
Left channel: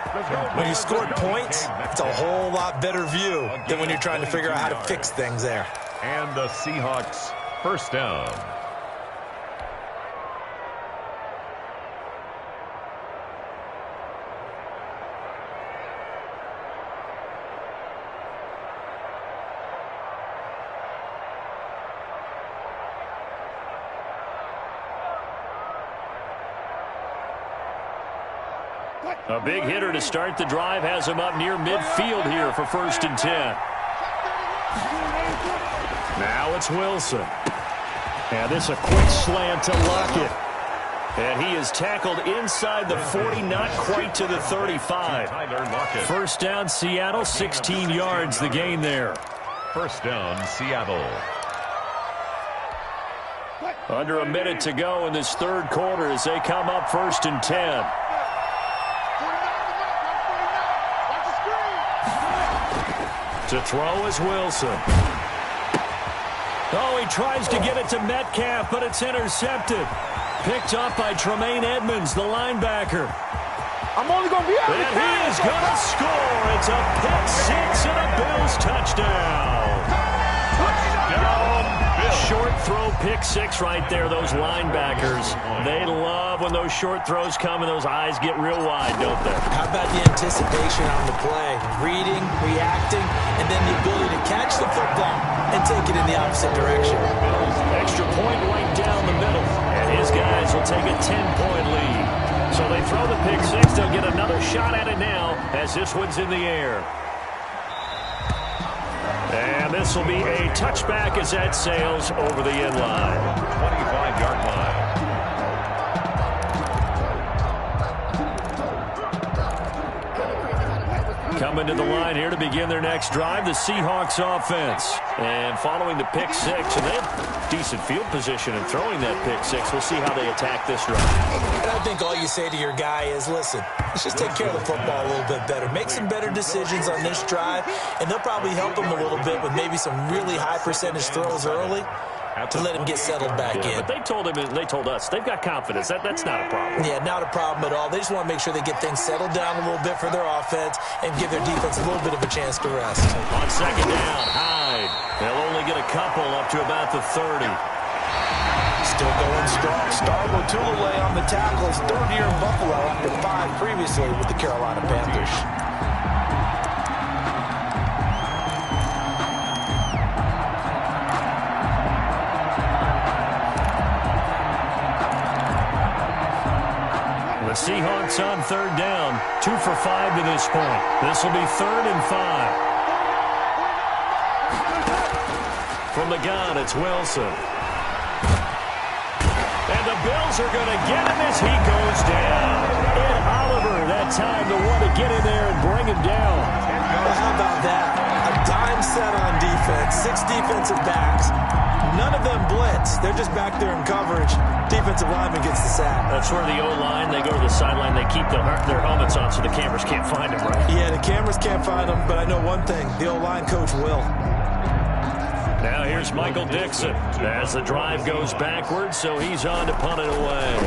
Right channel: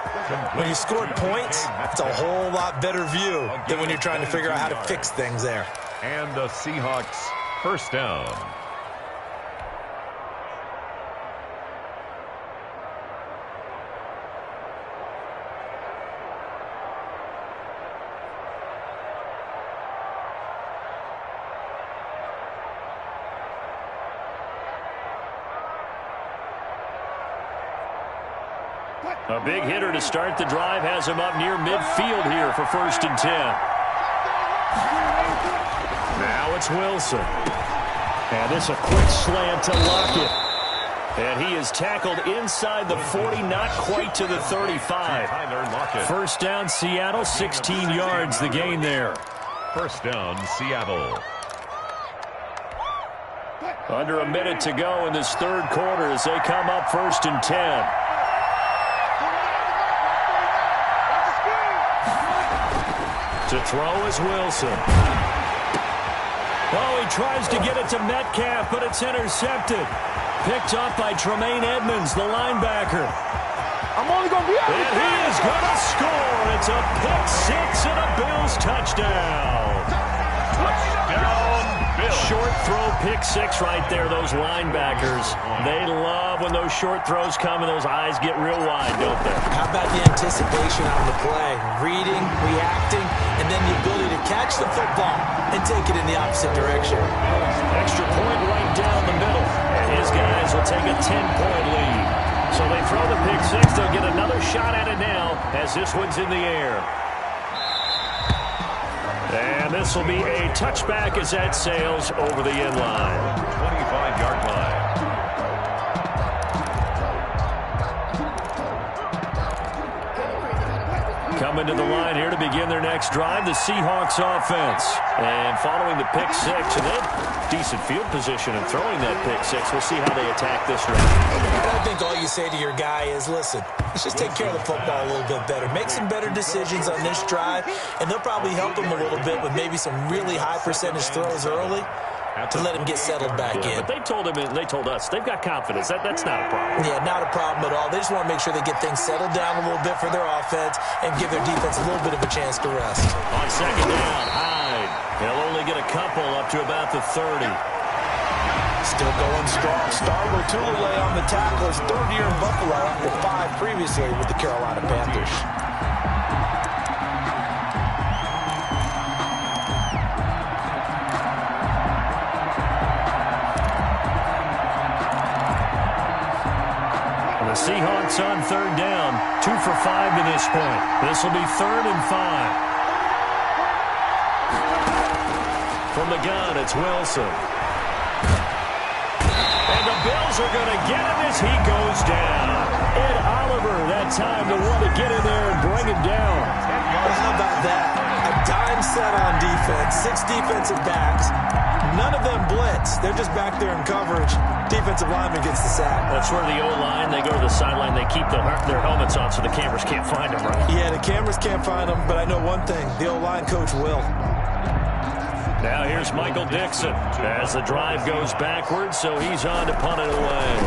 When you scored points, it's a whole lot better view than when you're trying to figure out how to fix things there. And the Seahawks 1st down. A big hitter to start the drive has him up near midfield here for 1st and 10. Now it's Wilson. And this a quick slant to Lockett. And he is tackled inside the 40, not quite to the 35. 1st down, Seattle, 16 yards the gain there. 1st down, Seattle. Under a minute to go in this third quarter as they come up 1st and 10. To throw is Wilson. Oh, he tries to get it to Metcalf, but it's intercepted. Picked up by Tremaine Edmonds, the linebacker. I'm only going to be able to And he is going to score. It's a pick-6 and a Bills touchdown. Touchdown, Bills. Short throw pick-6 right there, those linebackers. They love when those short throws come and those eyes get real wide, don't they? How about the anticipation on the play? Reading, reacting, and then the ability to catch the football and take it in the opposite direction. Extra point right down the middle. And his guys will take a 10-point lead. So they throw the pick six. They'll get another shot at it now as this one's in the air. And this will be a touchback as that sails over the end line. 25-yard line. Coming to the line here to begin their next drive, the Seahawks offense. And following the pick six, and they have decent field position in throwing that pick six. We'll see how they attack this drive. And I think all you say to your guy is, listen, let's just take care of the football a little bit better. Make some better decisions on this drive, and they'll probably help him a little bit with maybe some really high percentage throws early to let him get settled back in. But they told him, they told us, they've got confidence. That's not a problem. Yeah, not a problem at all. They just want to make sure they get things settled down a little bit for their offense and give their defense a little bit of a chance to rest. On second down, Hyde. They'll only get a couple up to about the 30. Still going strong. Starbo Tulele on the tackle. His third year in Buffalo after 5 previously with the Carolina Panthers. The Seahawks on third down, 2 for 5 to this point. This will be 3rd and 5. From the gun, it's Wilson. And the Bills are going to get him as he goes down. Ed Oliver, that time to want to get in there and bring him down. Well, how about that? A dime set on defense, 6 defensive backs. None of them blitz. They're just back there in coverage. Defensive lineman gets the sack. That's where the O-line, they go to the sideline, they keep their helmets on so the cameras can't find them, right? Yeah, the cameras can't find them, but I know one thing. The O-line coach will. Now here's Michael Dixon as the drive goes backwards, so he's on to punt it away.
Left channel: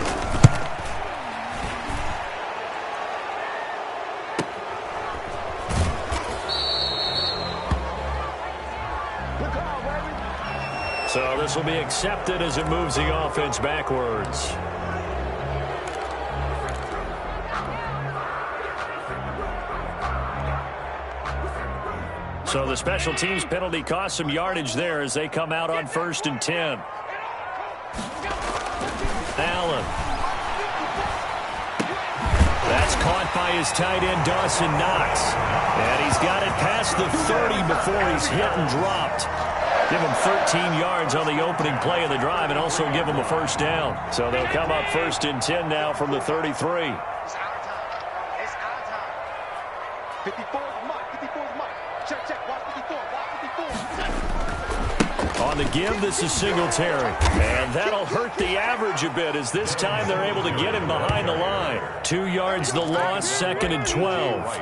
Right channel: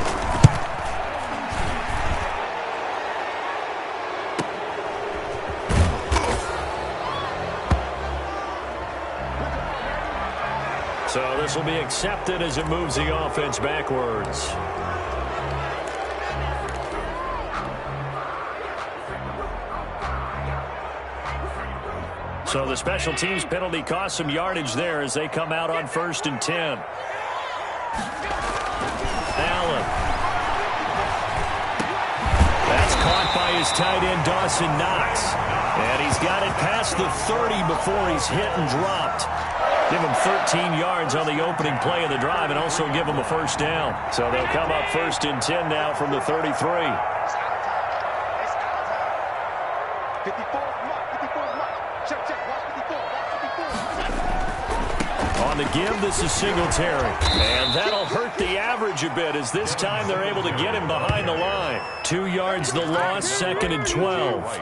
So this will be accepted as it moves the offense backwards. So the special teams penalty cost some yardage there as they come out on 1st and 10. Allen. That's caught by his tight end, Dawson Knox. And he's got it past the 30 before he's hit and dropped. Give him 13 yards on the opening play of the drive and also give him a first down. So they'll come up 1st and 10 now from the 33. It's our time. It's our time. 54 is Mike. 54 is Mike. Check, check. Watch 54. Watch 54. On the give, this is Singletary. And that'll hurt the average a bit as this time they're able to get him behind the line. 2 yards the loss, 2nd and 12.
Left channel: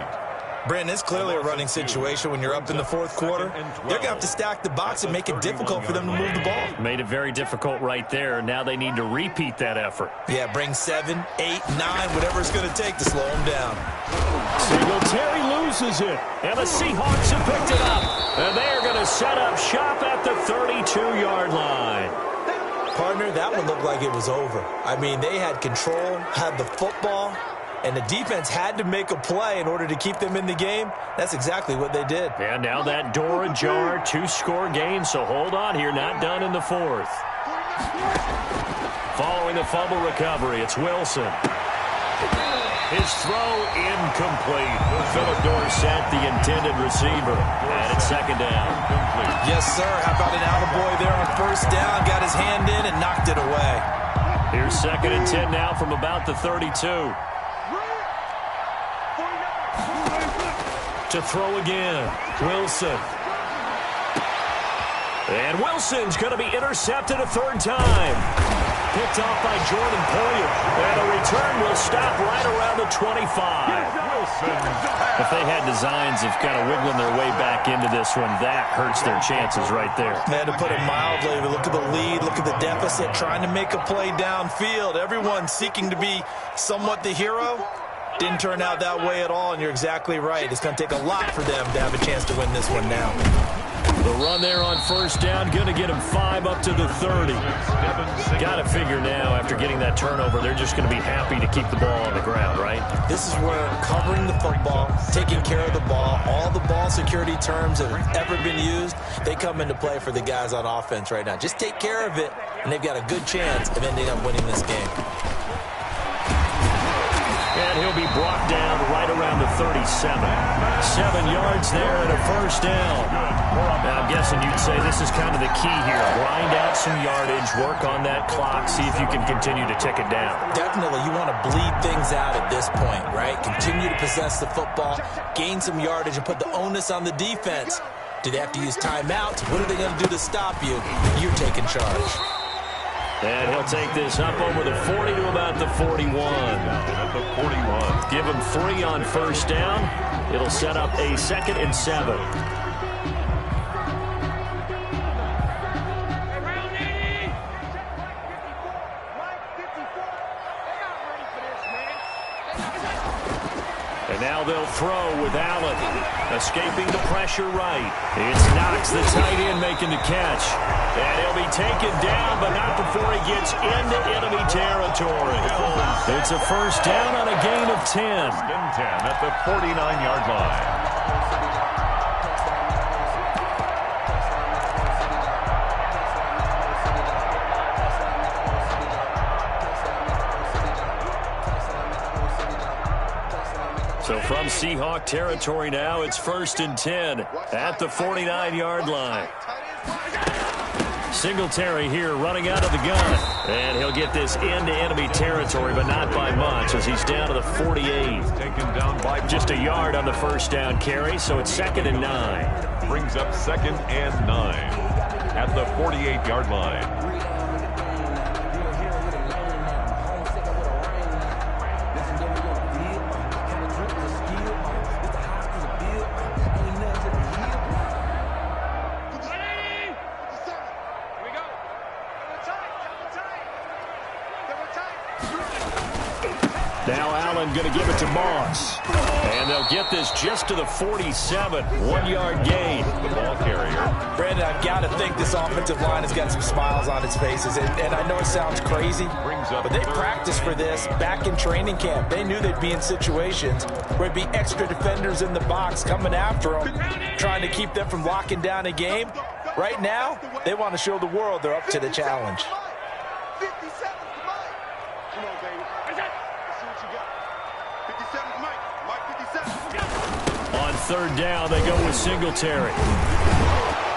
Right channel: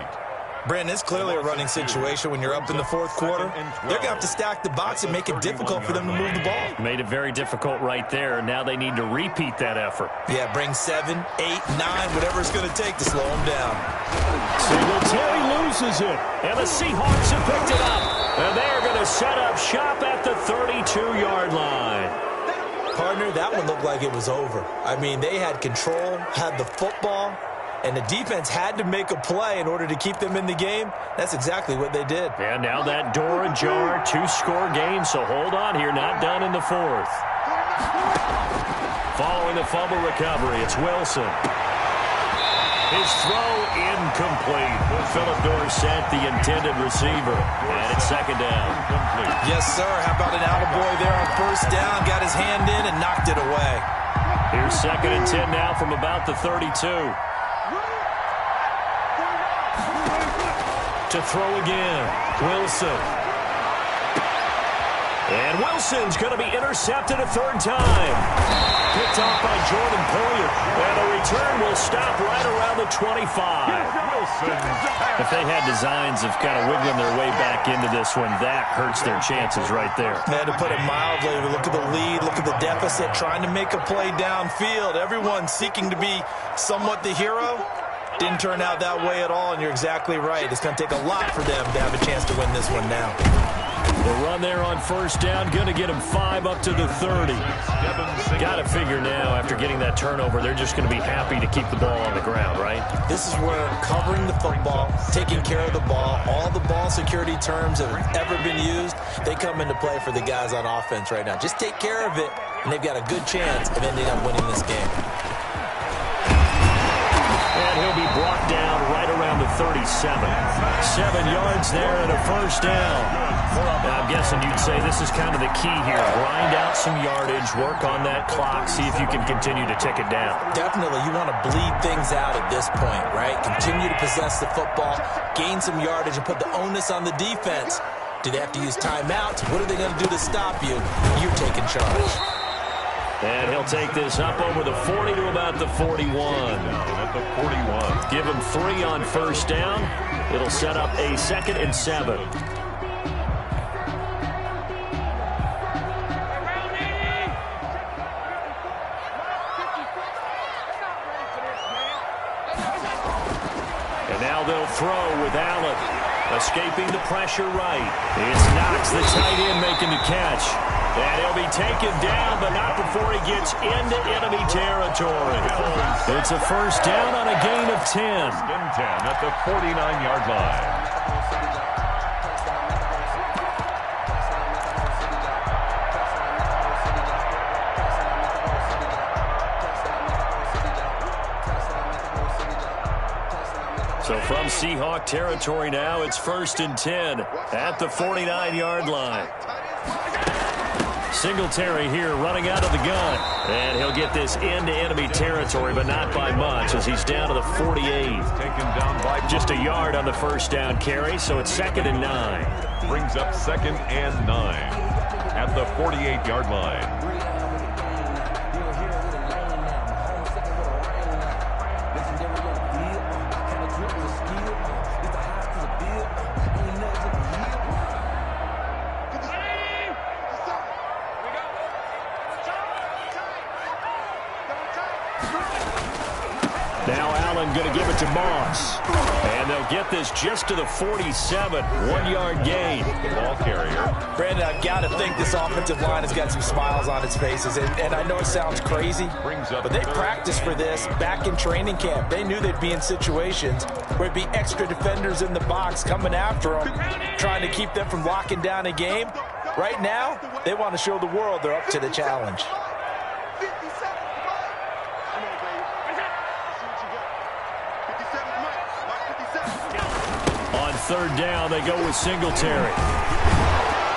Brandon, it's clearly a running situation when you're up in the 4th quarter. They're going to have to stack the box and make it difficult for them to move the ball. Made it very difficult right there. Now they need to repeat that effort. Yeah, bring 7, 8, 9, whatever it's going to take to slow them down. Singletary loses it, and the Seahawks have picked it up. And they are going to set up shop at the 32-yard line. Partner, that one looked like it was over. I mean, they had control, had the football, and the defense had to make a play in order to keep them in the game. That's exactly what they did. And now that door ajar, 2-score game, so hold on here, not done in the 4th. Following the fumble recovery, it's Wilson. His throw incomplete. Philip Dorsett, the intended receiver. And it's 2nd down. Yes, sir. How about an attaboy there on 1st down? Got his hand in and knocked it away. Here's 2nd and 10 now from about the 32. To throw again, Wilson. And Wilson's going to be intercepted a 3rd time. Picked off by Jordan Poyer. And the return will stop right around the 25. If they had designs of kind of wiggling their way back into this one, that hurts their chances right there. They had to put it mildly, but look at the lead, look at the deficit, trying to make a play downfield. Everyone seeking to be somewhat the hero. Didn't turn out that way at all, and you're exactly right. It's going to take a lot for them to have a chance to win this one now. The run there on 1st down, going to get him 5 up to the 30. Got to figure now, after getting that turnover, they're just going to be happy to keep the ball on the ground, right? This is where covering the football, taking care of the ball, all the ball security terms that have ever been used, they come into play for the guys on offense right now. Just take care of it, and they've got a good chance of ending up winning this game. And he'll be brought down right around the 37. 7 yards there and a first down. Now, I'm guessing you'd say this is kind of the key here. Grind out some yardage, work on that clock, see if you can continue to tick it down. Definitely, you want to bleed things out at this point, right? Continue to possess the football, gain some yardage, and put the onus on the defense. Do they have to use timeouts? What are they going to do to stop you? You're taking charge. And he'll take this up over the 40 to about the 41. At the 41. Give him 3 on first down. It'll set up a 2nd and 7. And now they'll throw with Allen. Escaping the pressure right. It's Knox, the tight end, making the catch. And he'll be taken down, but not before he gets into enemy territory. It's a first down on a gain of 10. 10 at the 49-yard line. So from Seahawk territory now, it's 1st and 10 at the 49-yard line. Singletary here running out of the gun. And he'll get this into enemy territory, but not by much as he's down to the 48. Taken down by just a yard on the first down carry, so it's 2nd and 9. Brings up 2nd and 9 at the 48-yard line. Now Allen going to give it to Moss. And they'll get this just to the 47. 1-yard gain. The ball carrier. Brandon, I've got to think this offensive line has got some smiles on its faces. And I know it sounds crazy, but they practiced for this back in training camp. They knew they'd be in situations where it'd be extra defenders in the box coming after them, trying to keep them from locking down a game. Right now, they want to show the world they're up to the challenge. 57, come on, baby. Let's see what you got. 57, Mike 57. On 3rd down, they go with Singletary.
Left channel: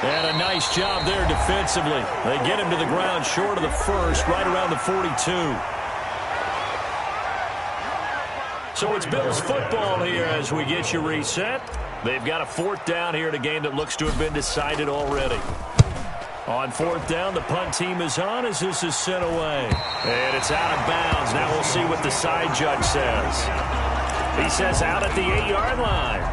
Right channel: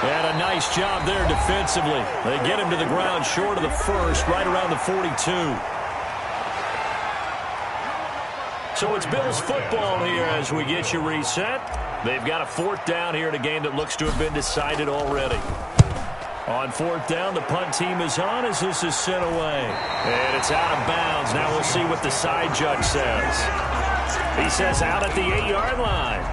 And a nice job there defensively. They get him to the ground short of the first, right around the 42. So it's Bills football here as we get you reset. They've got a 4th down here in a game that looks to have been decided already. On 4th down, the punt team is on as this is sent away. And it's out of bounds. Now we'll see what the side judge says. He says out at the 8-yard line.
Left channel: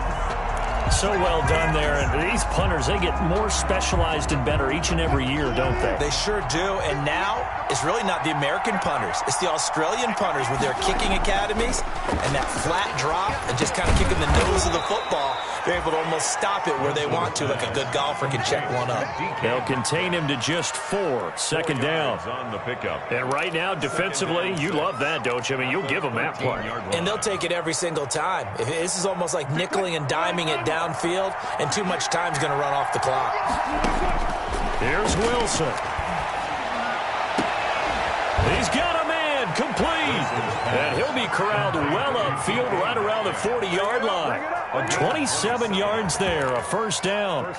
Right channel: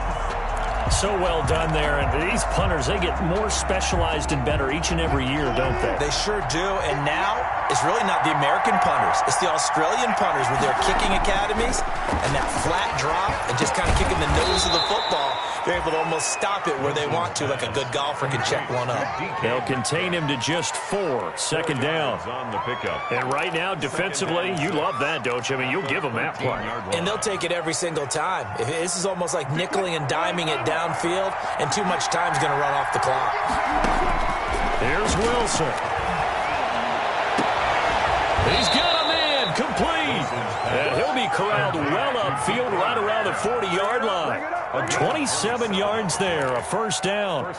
So well done there. And these punters, they get more specialized and better each and every year, don't they? They sure do. And now it's really not the American punters. It's the Australian punters with their kicking academies and that flat drop and just kind of kicking the nose of the football. They're able to almost stop it where they want to, like a good golfer can check one up. They'll contain him to just 4. 2nd down. On the pickup. And right now, defensively, you love that, don't you? I mean, you'll give them that play. And they'll take it every single time. This is almost like nickeling and diming it downfield, and too much time's going to run off the clock. Here's Wilson. He's got a man complete. And he'll be corralled well upfield right around the 40-yard line. 27 yards there, a first down.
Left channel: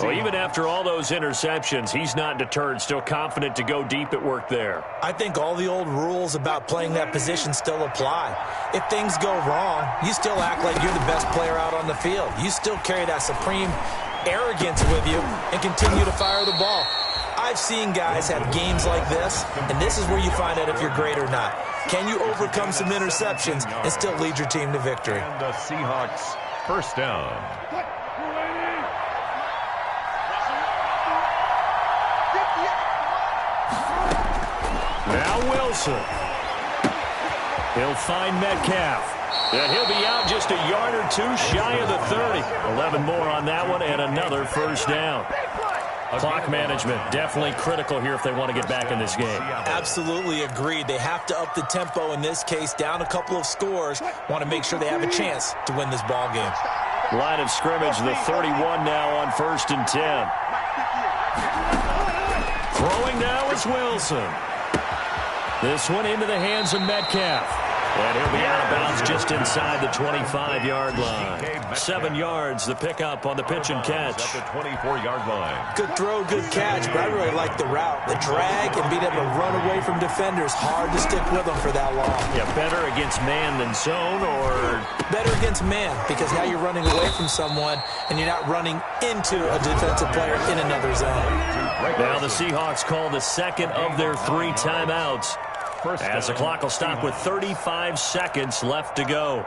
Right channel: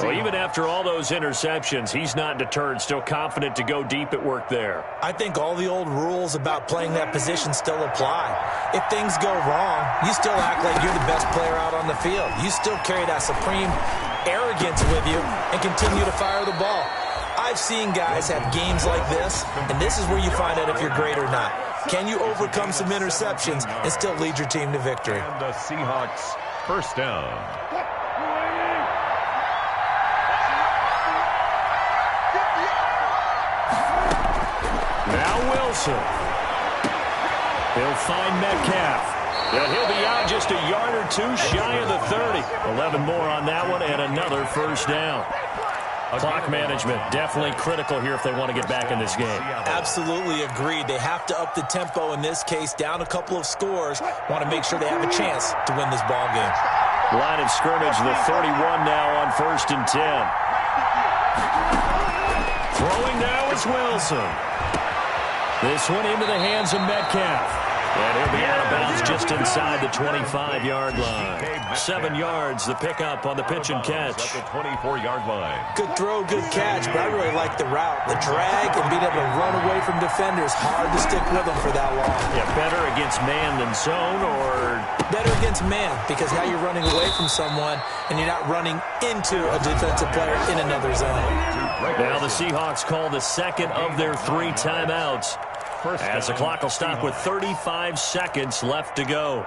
Well, even after all those interceptions, he's not deterred, still confident to go deep at work there. I think all the old rules about playing that position still apply. If things go wrong, you still act like you're the best player out on the field. You still carry that supreme arrogance with you and continue to fire the ball. I've seen guys have games like this, and this is where you find out if you're great or not. Can you overcome some interceptions and still lead your team to victory? And the Seahawks first down. Now Wilson. He'll find Metcalf. And he'll be out just a yard or two shy of the 30. 11 more on that one and another first down. Clock management definitely critical here if they want to get back in this game. Absolutely agreed. They have to up the tempo in this case, down a couple of scores. Want to make sure they have a chance to win this ball game. Line of scrimmage, the 31 now on 1st and 10. Throwing now is Wilson. This one into the hands of Metcalf. And he'll be out of bounds just inside the 25-yard line. 7 yards, the pickup on the pitch and catch. At the 24-yard line. Good throw, good catch, but I really like the route. The drag and being able to run away from defenders. Hard to stick with them for that long. Yeah, better against man than zone, or better against man, because now you're running away from someone and you're not running into a defensive player in another zone. Now the Seahawks call the second of their 3 timeouts, as the clock will stop with 35 seconds left to go.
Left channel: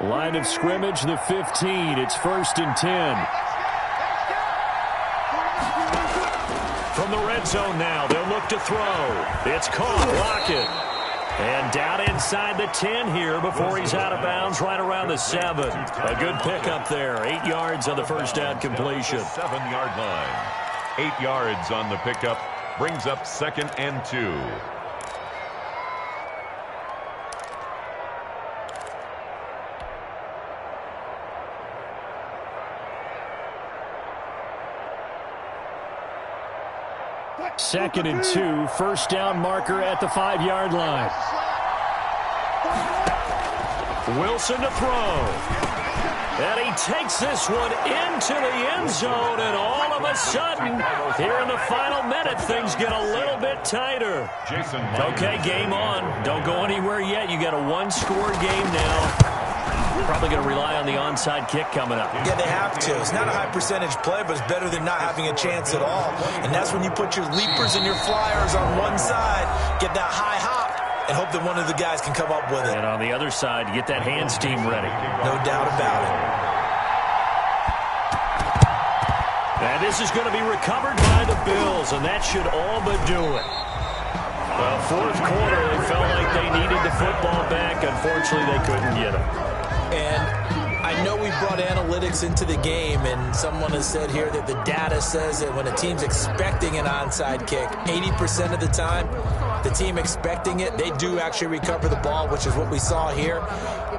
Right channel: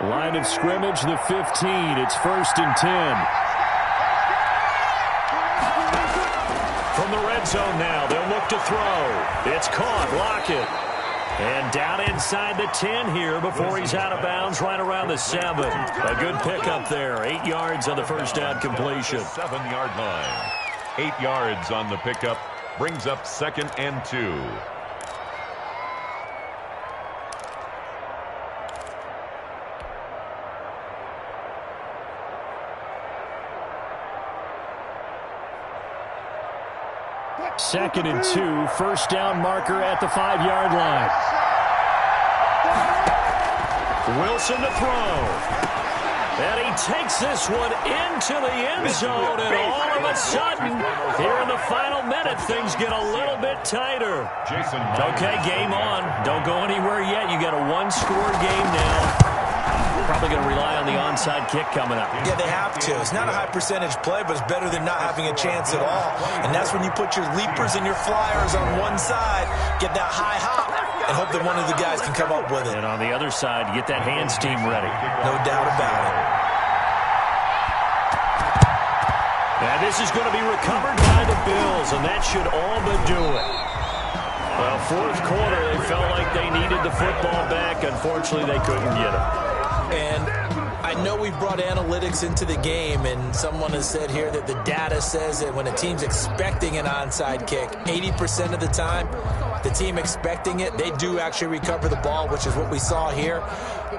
Line of scrimmage, the 15. It's 1st and 10. From the red zone now, they'll look to throw. It's caught. Lockett. And down inside the 10 here before he's out of bounds right around the 7. A good pickup there. 8 yards on the first down completion. 7-yard line. 8 yards on the pickup. Brings up 2nd and 2. Second and 2, first down marker at the 5-yard line. Wilson to throw. And he takes this one into the end zone, and all of a sudden, here in the final minute, things get a little bit tighter. Okay, game on. Don't go anywhere yet. You got a 1-score game now. Probably going to rely on the onside kick coming up. Yeah, they have to. It's not a high percentage play, but it's better than not having a chance at all. And that's when you put your leapers and your flyers on one side, get that high hop, and hope that one of the guys can come up with it. And on the other side, get that hands team ready. No doubt about it. And this is going to be recovered by the Bills, and that should all but do it. Well, 4th quarter, they felt like they needed the football back. Unfortunately, they couldn't get it. And I know we brought analytics into the game, and someone has said here that the data says that when a team's expecting an onside kick, 80% of the time, the team expecting it, they do actually recover the ball, which is what we saw here.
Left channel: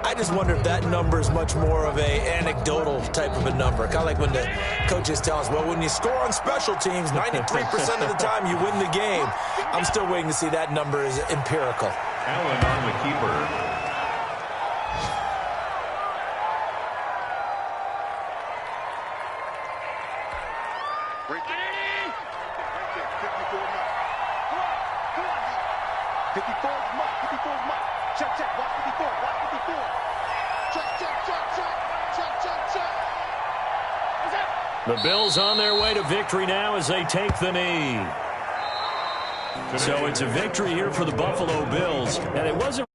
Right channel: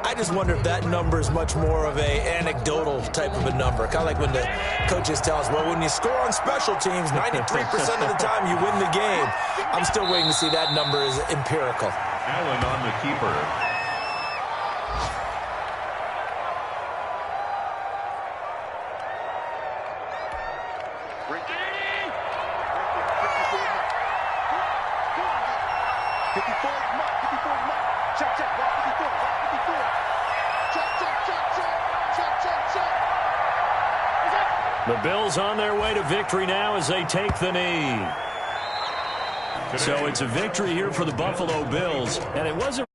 I just wonder if that number is much more of a anecdotal type of a number. Kind of like when the coaches tell us, well, when you score on special teams, 93% of the time you win the game. I'm still waiting to see that number is empirical. Allen on the keeper. Right there. 54 Mike. Come on. 54 Mike. 54 Mike. Check. Walk 54. Check. Is it? The Bills on their way to victory now as they take the knee. So it's a victory here for the Buffalo Bills, and it wasn't